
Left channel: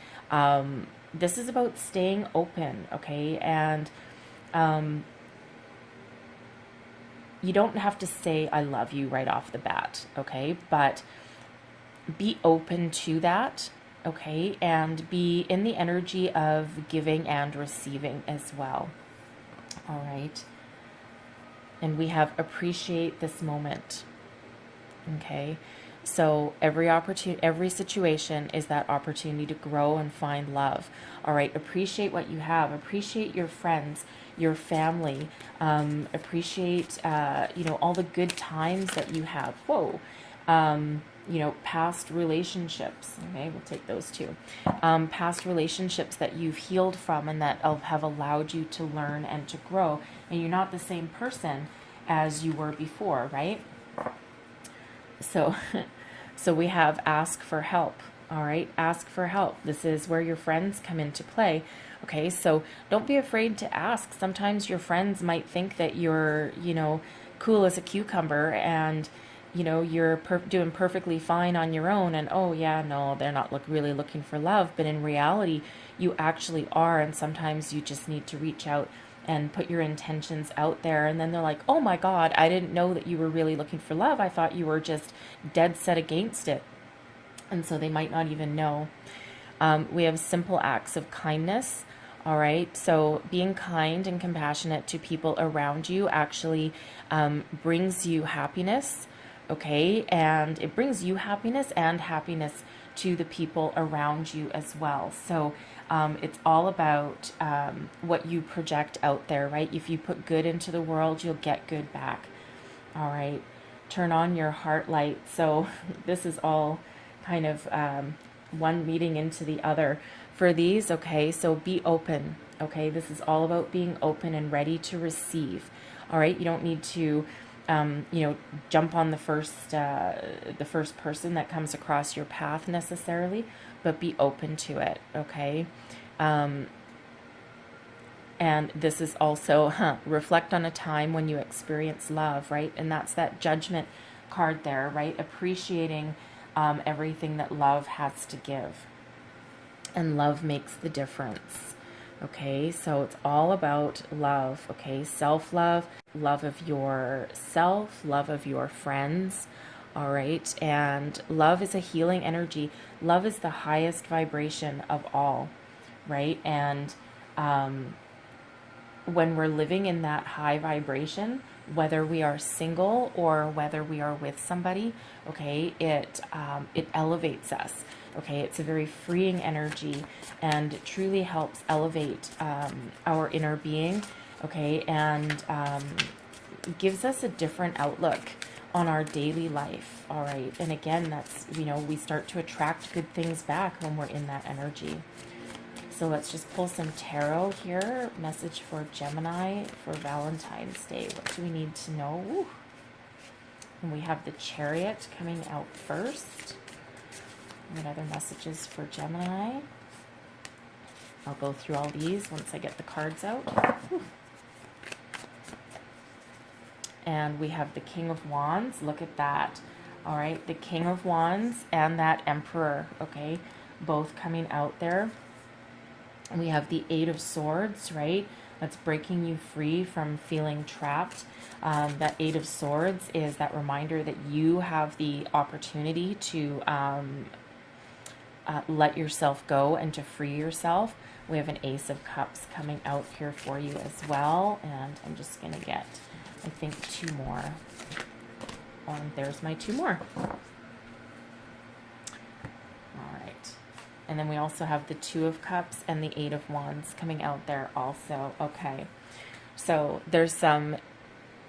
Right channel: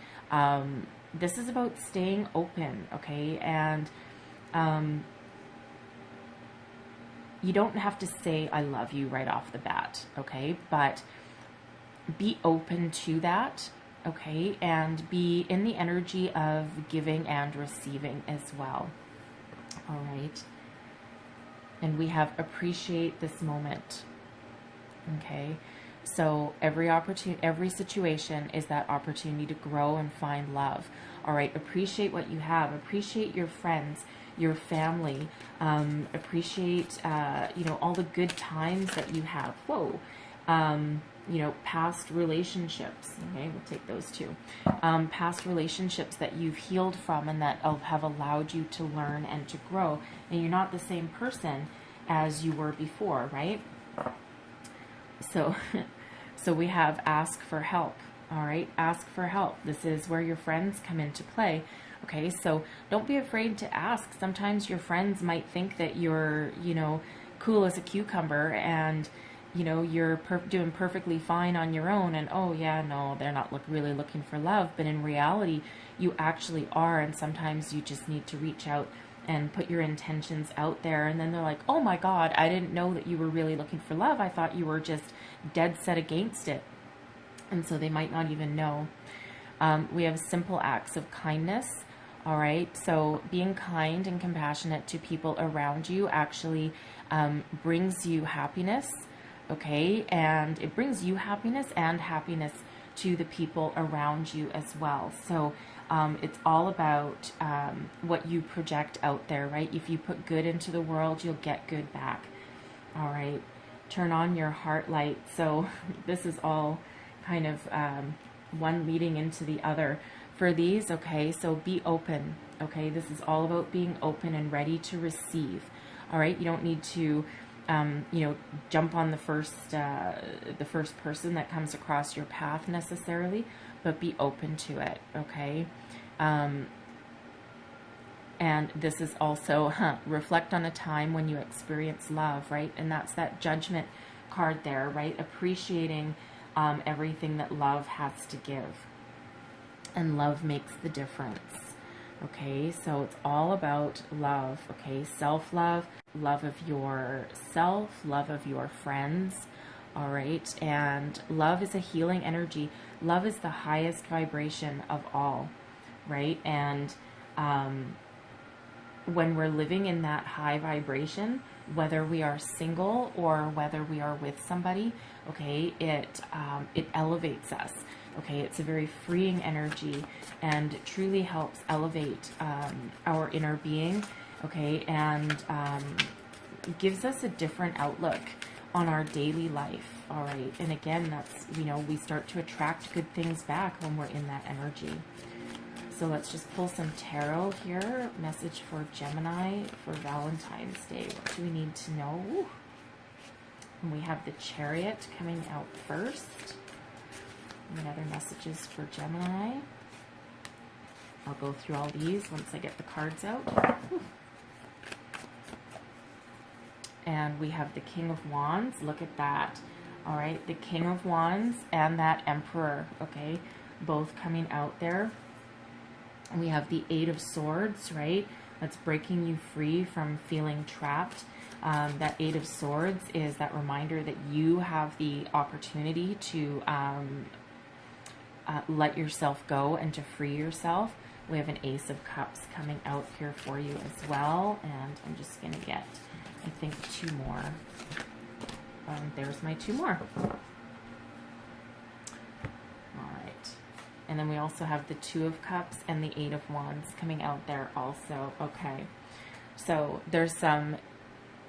this is about staying open, okay? And you don't have to say I love you right off the bat, okay? But be open to that, okay? And be in the energy of giving and receiving as well. All right. And we have appreciate this moment, okay? So every opportunity, every situation is that opportunity to grow and find love. All right, appreciate what you have. Appreciate your friends, your family. Appreciate, you know, all the good times that you have. Whoa, you know, past relationships. Okay, we'll take those too. Past relationships that you've healed from and that have allowed you to learn and to grow. And you're not the same person as you were before, right? So we have ask for help, all right? Ask for help. This is where your friends come into play, okay? So don't be afraid to ask. Sometimes your friends might think that you're, you know, cool as a cucumber and, you know, you're doing perfectly fine on your own and, oh, yeah, no, they're not really looking for love. But in reality, you actually are, and sometimes you just need to reach out and put your intentions out there, and then they're like, oh my God, I didn't know that you were really looking for love. I thought you were just dead set against it. And so they might not even know. We have simple acts of kindness, all right? So being kind and compassionate to people around you actually brings you happiness, okay? And it brings you happiness and happiness to the people around you as well. So it's all about what you project out there, right? If you put good into the world, you'll get good back. All right. Turn on your heart light. So this is all kind of one meeting into the other for these. Okay. So be open. Okay. This is all about being open and ready to receive. All right. You don't need to, you know, jump on the first person that comes across your path necessarily, but be open to it, okay? And this is also, reflect on a time when you experience love, right? And that's that judgment card there, right? Appreciating everything that love has to give. And love makes the difference, okay? So it's all about love, okay? Self-love, love of yourself, love of your friends, all right? And love is a healing energy. Love is the highest vibration of all, right? And when we're living in that high vibration, whether we are single or whether we are with somebody, okay, it elevates us, okay? It's a very freeing energy and truly helps elevate our inner being, okay? And gives us a different outlook on our daily life, all right? And again, that's, you know, we start to attract good things back when we're in that energy. So let's just pull some tarot here. Message for Gemini for Valentine's Day. What do we need to know? Ooh. And we have the Chariot coming out first. And other messages for Gemini. I'll go through all these once I get the cards out. Ooh. And we have the King of Wands. Look at that. All right, the King of Wands and that Emperor, okay, both coming out there. And we have the Eight of Swords, right? That's breaking you free from feeling trapped. That Eight of Swords is that reminder that you have the opportunity to let yourself go and to free yourself. We have an Ace of Cups coming out here for you as well. And I'm just going to get, I think, two more. there's my two more. And then we also have the Two of Cups and the Eight of Wands coming out there also. Okay. So there's some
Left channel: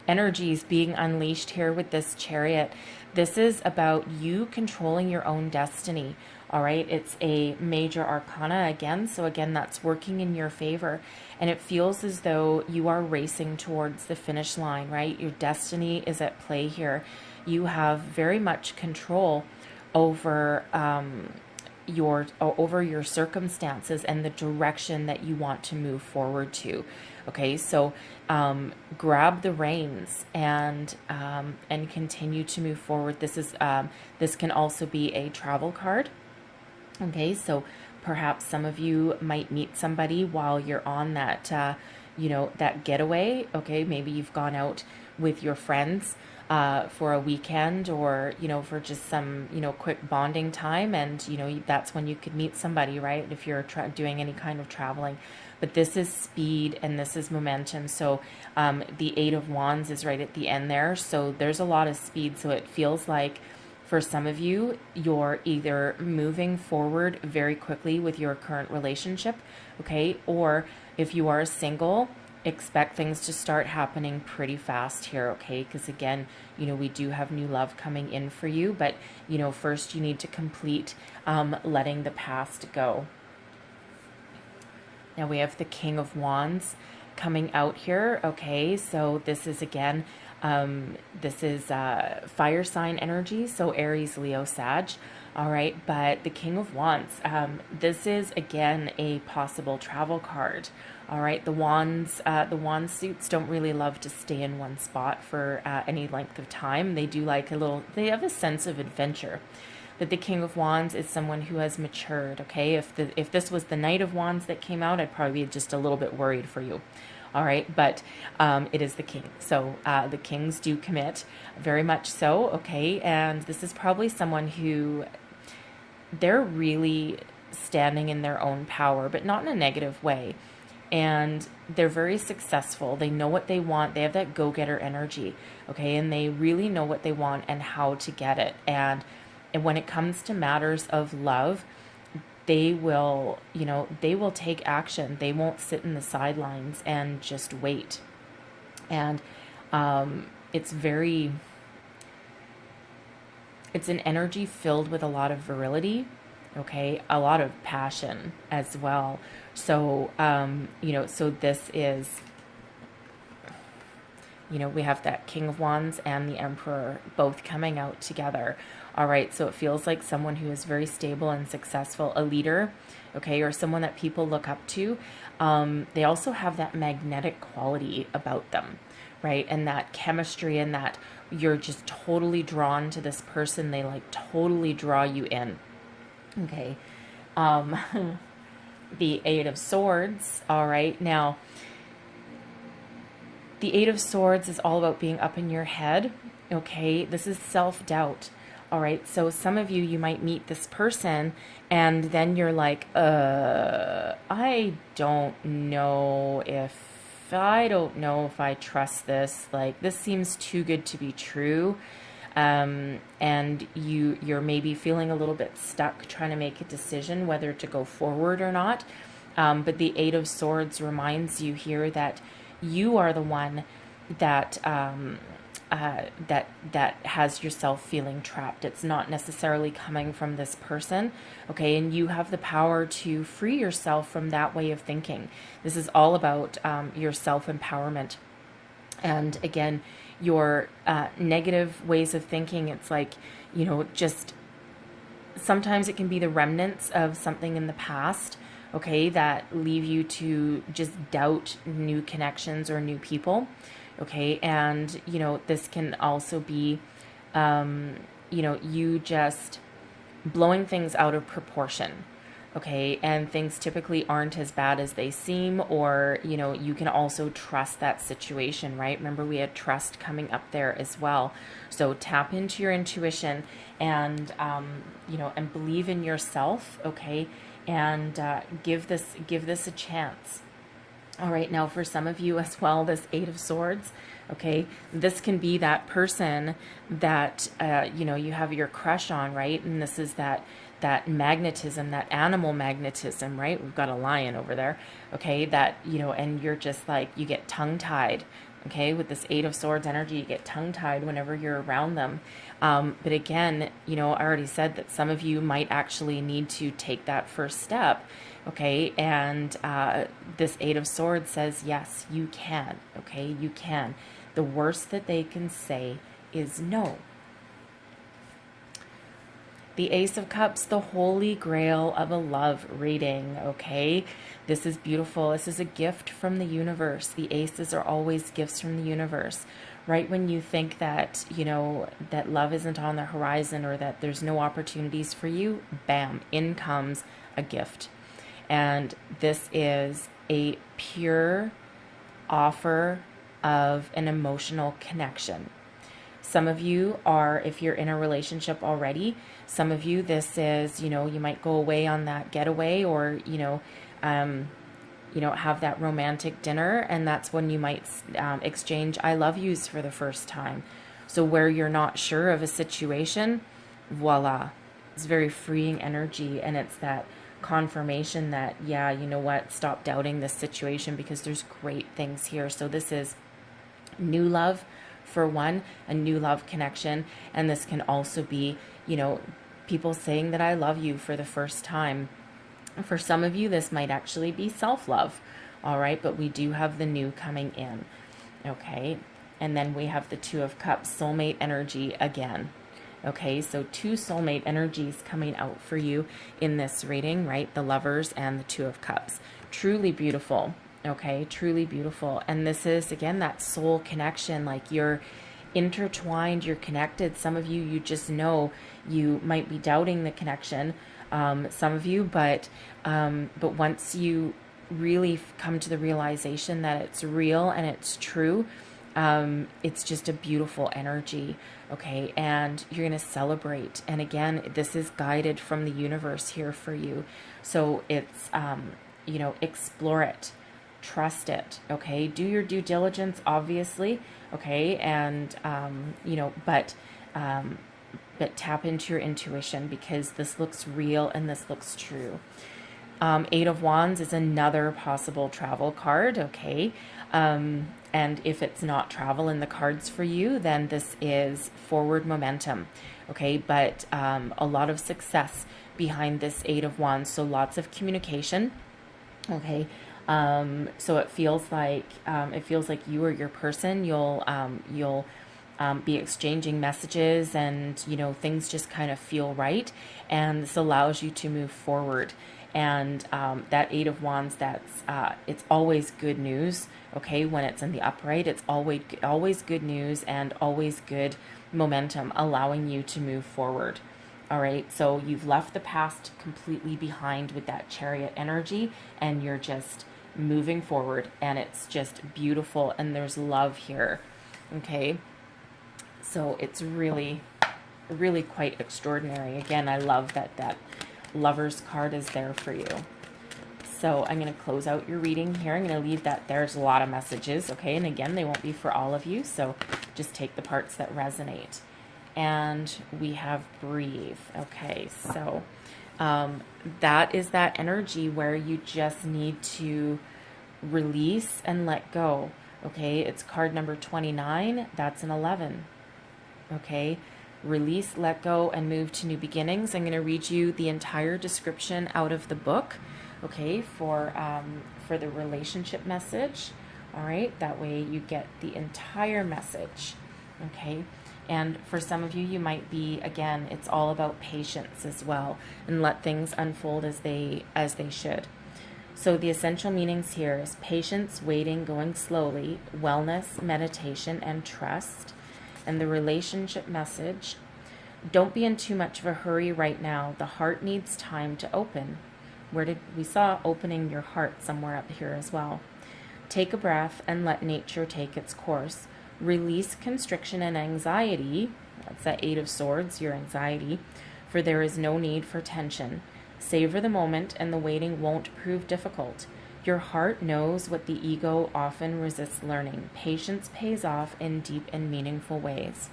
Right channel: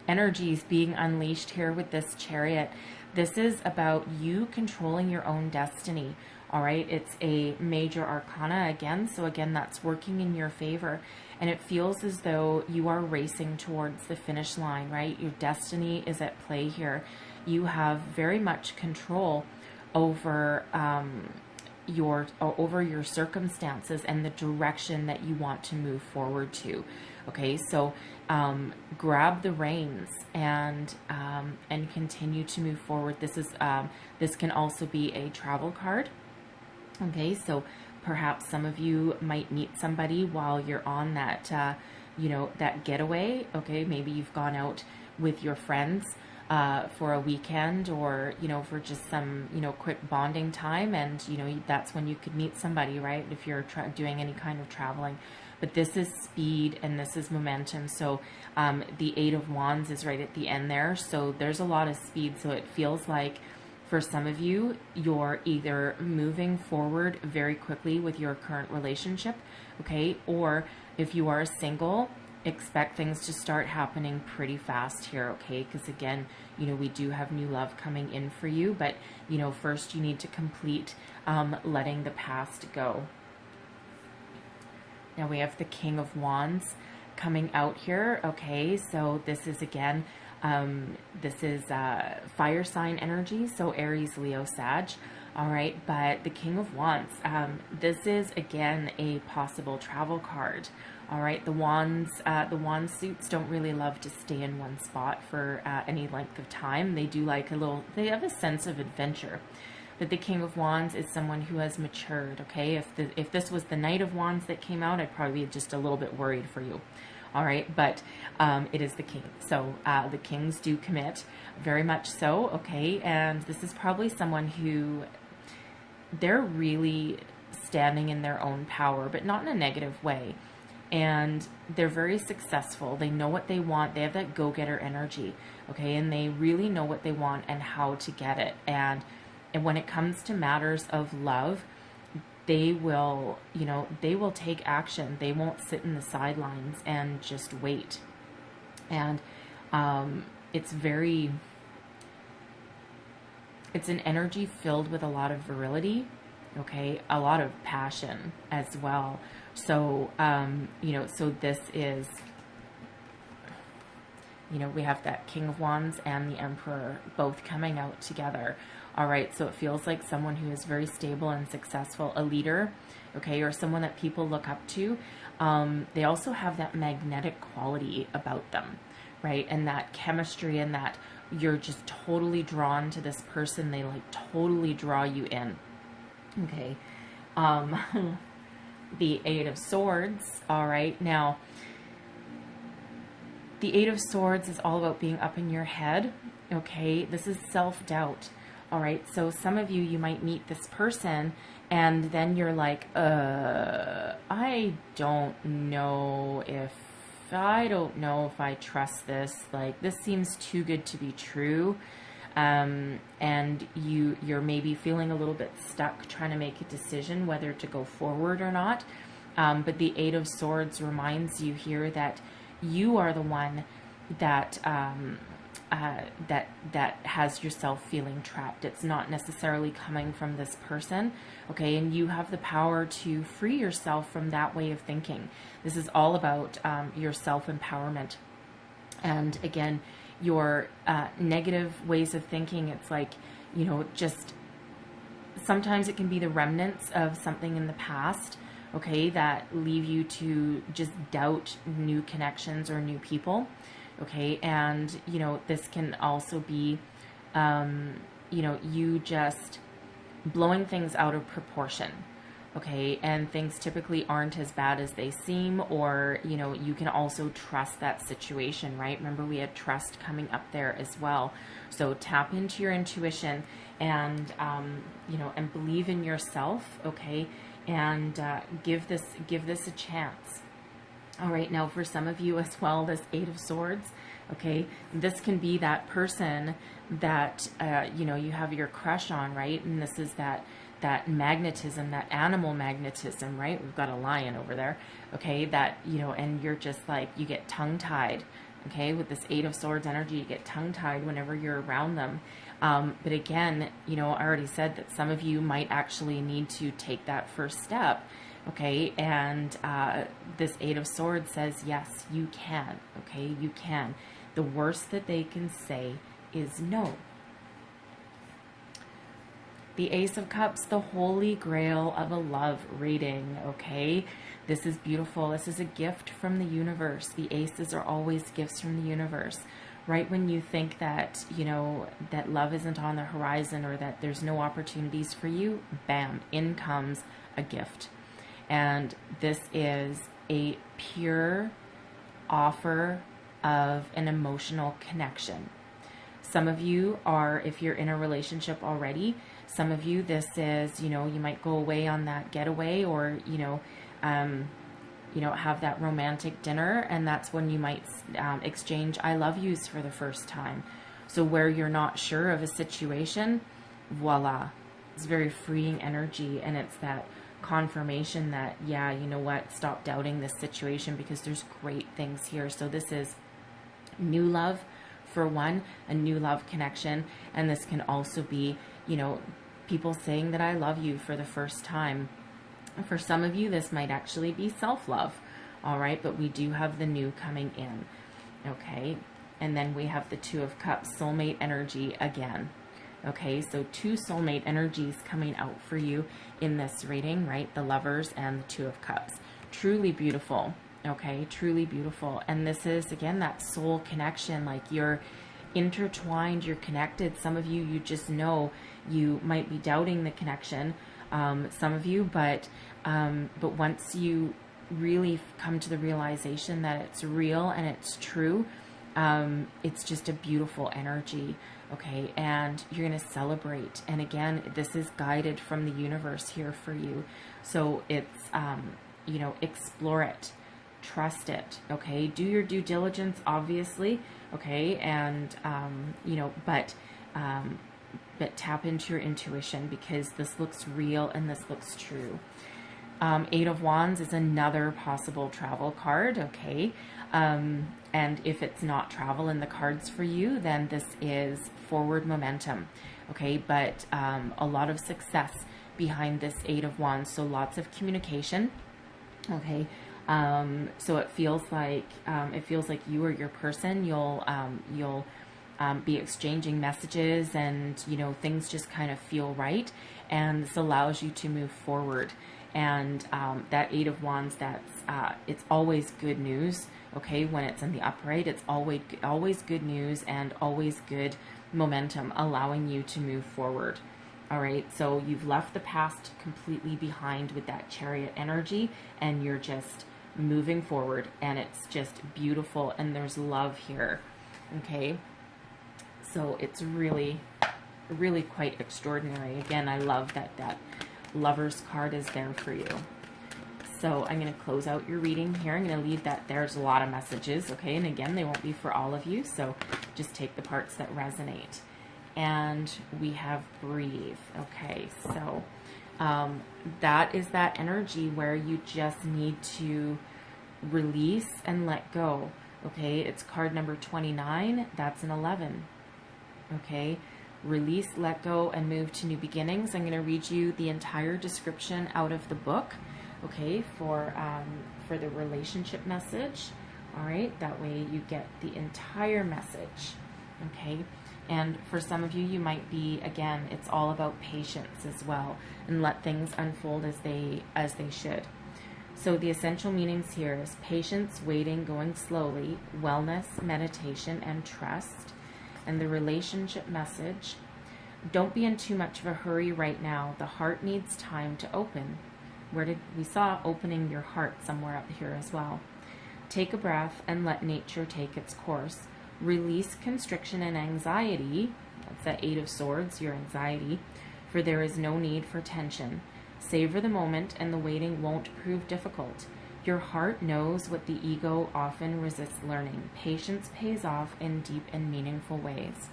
energies being unleashed here with this Chariot. This is about you controlling your own destiny. All right. It's a major arcana again. So again, that's working in your favor. And it feels as though you are racing towards the finish line, right? Your destiny is at play here. You have very much control over, your circumstances and the direction that you want to move forward to. Okay, so grab the reins and continue to move forward. This can also be a travel card. Okay, so perhaps some of you might meet somebody while you're on that that getaway. Okay, maybe you've gone out with your friends for a weekend, or for just some quick bonding time, and that's when you could meet somebody, right? If you're doing any kind of traveling. But this is speed and this is momentum. So the Eight of Wands is right at the end there, so there's a lot of speed. So it feels like for some of you, you're either moving forward very quickly with your current relationship, okay, or if you are single, expect things to start happening pretty fast here, okay? Because again, we do have new love coming in for you, but first you need to complete letting the past go. Now we have the King of Wands coming out here, okay? So this is again, fire sign energy, so Aries, Leo, Sag. All right, but the King of Wands, this is again a possible travel card. All right, the wand suits don't really love to stay in one spot for any length of time. They do like they have a sense of adventure. But the King of Wands is someone who has matured, okay? If this was the Knight of Wands that came out, I'd probably be just a little bit worried for you. All right, but it is the King. So the Kings do commit, very much so, okay? And this is probably someone who, they're really standing in their own power, but not in a negative way. And they're very successful. They know what they want. They have that go-getter energy, okay? And they really know what they want and how to get it. And when it comes to matters of love, they will take action. They won't sit in the sidelines and just wait. And it's an energy filled with a lot of virility, okay? A lot of passion as well. So, so this is, we have that King of Wands and the Emperor both coming out together. All right, so it feels like someone who is very stable and successful, a leader, okay, or someone that people look up to. They also have that magnetic quality about them, right? And that chemistry, and that you're just totally drawn to this person. They like totally draw you in, okay? The Eight of Swords, all right, now the Eight of Swords is all about being up in your head, okay? This is self-doubt. All right, so some of you might meet this person and then you're like, I don't know if I trust this. Like, this seems too good to be true. And you're maybe feeling a little bit stuck trying to make a decision whether to go forward or not. But the Eight of Swords reminds you here that you are the one that that has yourself feeling trapped. It's not necessarily coming from this person, okay? And you have the power to free yourself from that way of thinking. This is all about your self-empowerment. And again, your negative ways of thinking, it's like, just sometimes it can be the remnants of something in the past, okay, that leave you to just doubt new connections or new people. Okay, and, this can also be, you just blowing things out of proportion, okay, and things typically aren't as bad as they seem, or, you can also trust that situation, right? Remember, we had trust coming up there as well. So tap into your intuition and, and believe in yourself, okay, and give this a chance. All right, now for some of you as well, this Eight of Swords, okay, this can be that person that, you have your crush on, right? And this is that magnetism, that animal magnetism, right? We've got a lion over there, okay, that, and you're just like, you get tongue-tied, okay, with this Eight of Swords energy, you get tongue-tied whenever you're around them. But again, I already said that some of you might actually need to take that first step, okay, and this Eight of Swords says, yes, you can, okay, you can. The worst that they can say is no. The Ace of Cups, the holy grail of a love reading, okay? This is beautiful. This is a gift from the universe. The aces are always gifts from the universe. Right when you think that, that love isn't on the horizon or that there's no opportunities for you, bam, in comes a gift. And this is a pure offer of an emotional connection. Some of you are, if you're in a relationship already, some of you, this is, you might go away on that getaway or, have that romantic dinner, and that's when you might exchange I love yous for the first time. So where you're not sure of a situation, voila, it's very freeing energy, and it's that confirmation that, yeah, you know what, stop doubting this situation because there's great things here. So this is new love for one, a new love connection, and this can also be, people saying that I love you for the first time. For some of you, this might actually be self-love, all right, but we do have the new coming in, okay, and then we have the Two of Cups, soulmate energy again. Okay, so two soulmate energies coming out for you in this reading, right? The Lovers and the Two of Cups. Truly beautiful, okay? Truly beautiful. And this is, again, that soul connection. Like you're intertwined, you're connected. Some of you, you just know you might be doubting the connection, some of you, but once you really come to the realization that it's real and it's true, it's just a beautiful energy. Okay, and you're going to celebrate. And again, this is guided from the universe here for you. So it's, explore it, trust it, okay? Do your due diligence, obviously, okay? And, but tap into your intuition because this looks real and this looks true. Eight of Wands is another possible travel card, okay? And if it's not travel in the cards for you, then this is forward momentum, okay? But a lot of success behind this Eight of Wands, so lots of communication, okay? So it feels like you or your person, you'll be exchanging messages, and things just kind of feel right, and this allows you to move forward. And that Eight of Wands, it's always good news, okay? When it's in the upright, it's always good news and always good momentum, allowing you to move forward. All right, so you've left the past completely behind with that Chariot energy, and you're just moving forward, and it's just beautiful, and there's love here, okay? So it's really, really quite extraordinary. Again, I love that Lover's card is there for you. So I'm going to close out your reading here. I'm going to leave that. There's a lot of messages, okay? And again, they won't be for all of you, so just take the parts that resonate. And we have breathe, okay? So that is that energy where you just need to release and let go, okay? It's card number 29. That's an 11, okay? Release, let go, and move to new beginnings. I'm going to read you the entire description out of the book, okay, for the relationship message. All right, that way you get the entire message, okay? And for some of you, you might be, again, it's all about patience as well, and let things unfold as they should. So the essential meanings here is patience, waiting, going slowly, wellness, meditation, and trust. And the relationship message, don't be in too much of a hurry right now. The heart needs time to open. We saw opening your heart somewhere up here as well. Take a breath and let nature take its course. Release constriction and anxiety. That's that Eight of Swords, your anxiety. For there is no need for tension. Savor the moment, and the waiting won't prove difficult. Your heart knows what the ego often resists learning. Patience pays off in deep and meaningful ways.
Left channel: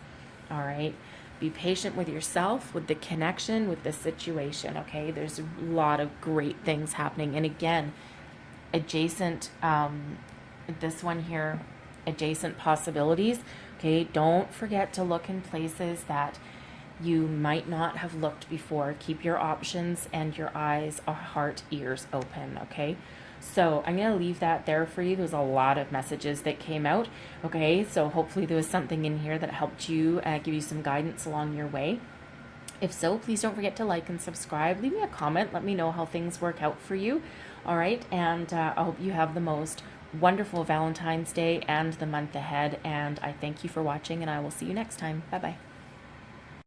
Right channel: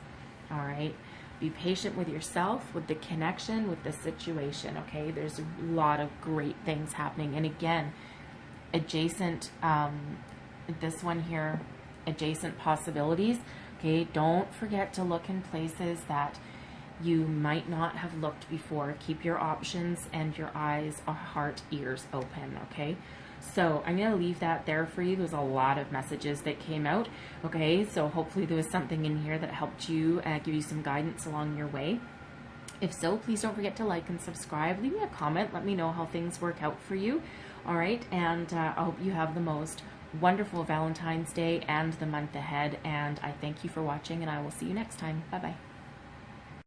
All right? Be patient with yourself, with the connection, with the situation, okay? There's a lot of great things happening. And again, adjacent, this one here, adjacent possibilities, okay? Don't forget to look in places that you might not have looked before. Keep your options and your eyes, heart, ears open, okay? So I'm going to leave that there for you. There's a lot of messages that came out, okay? So hopefully there was something in here that helped you, give you some guidance along your way. If so, please don't forget to like and subscribe. Leave me a comment. Let me know how things work out for you, all right? And I hope you have the most wonderful Valentine's Day and the month ahead. And I thank you for watching, and I will see you next time. Bye-bye.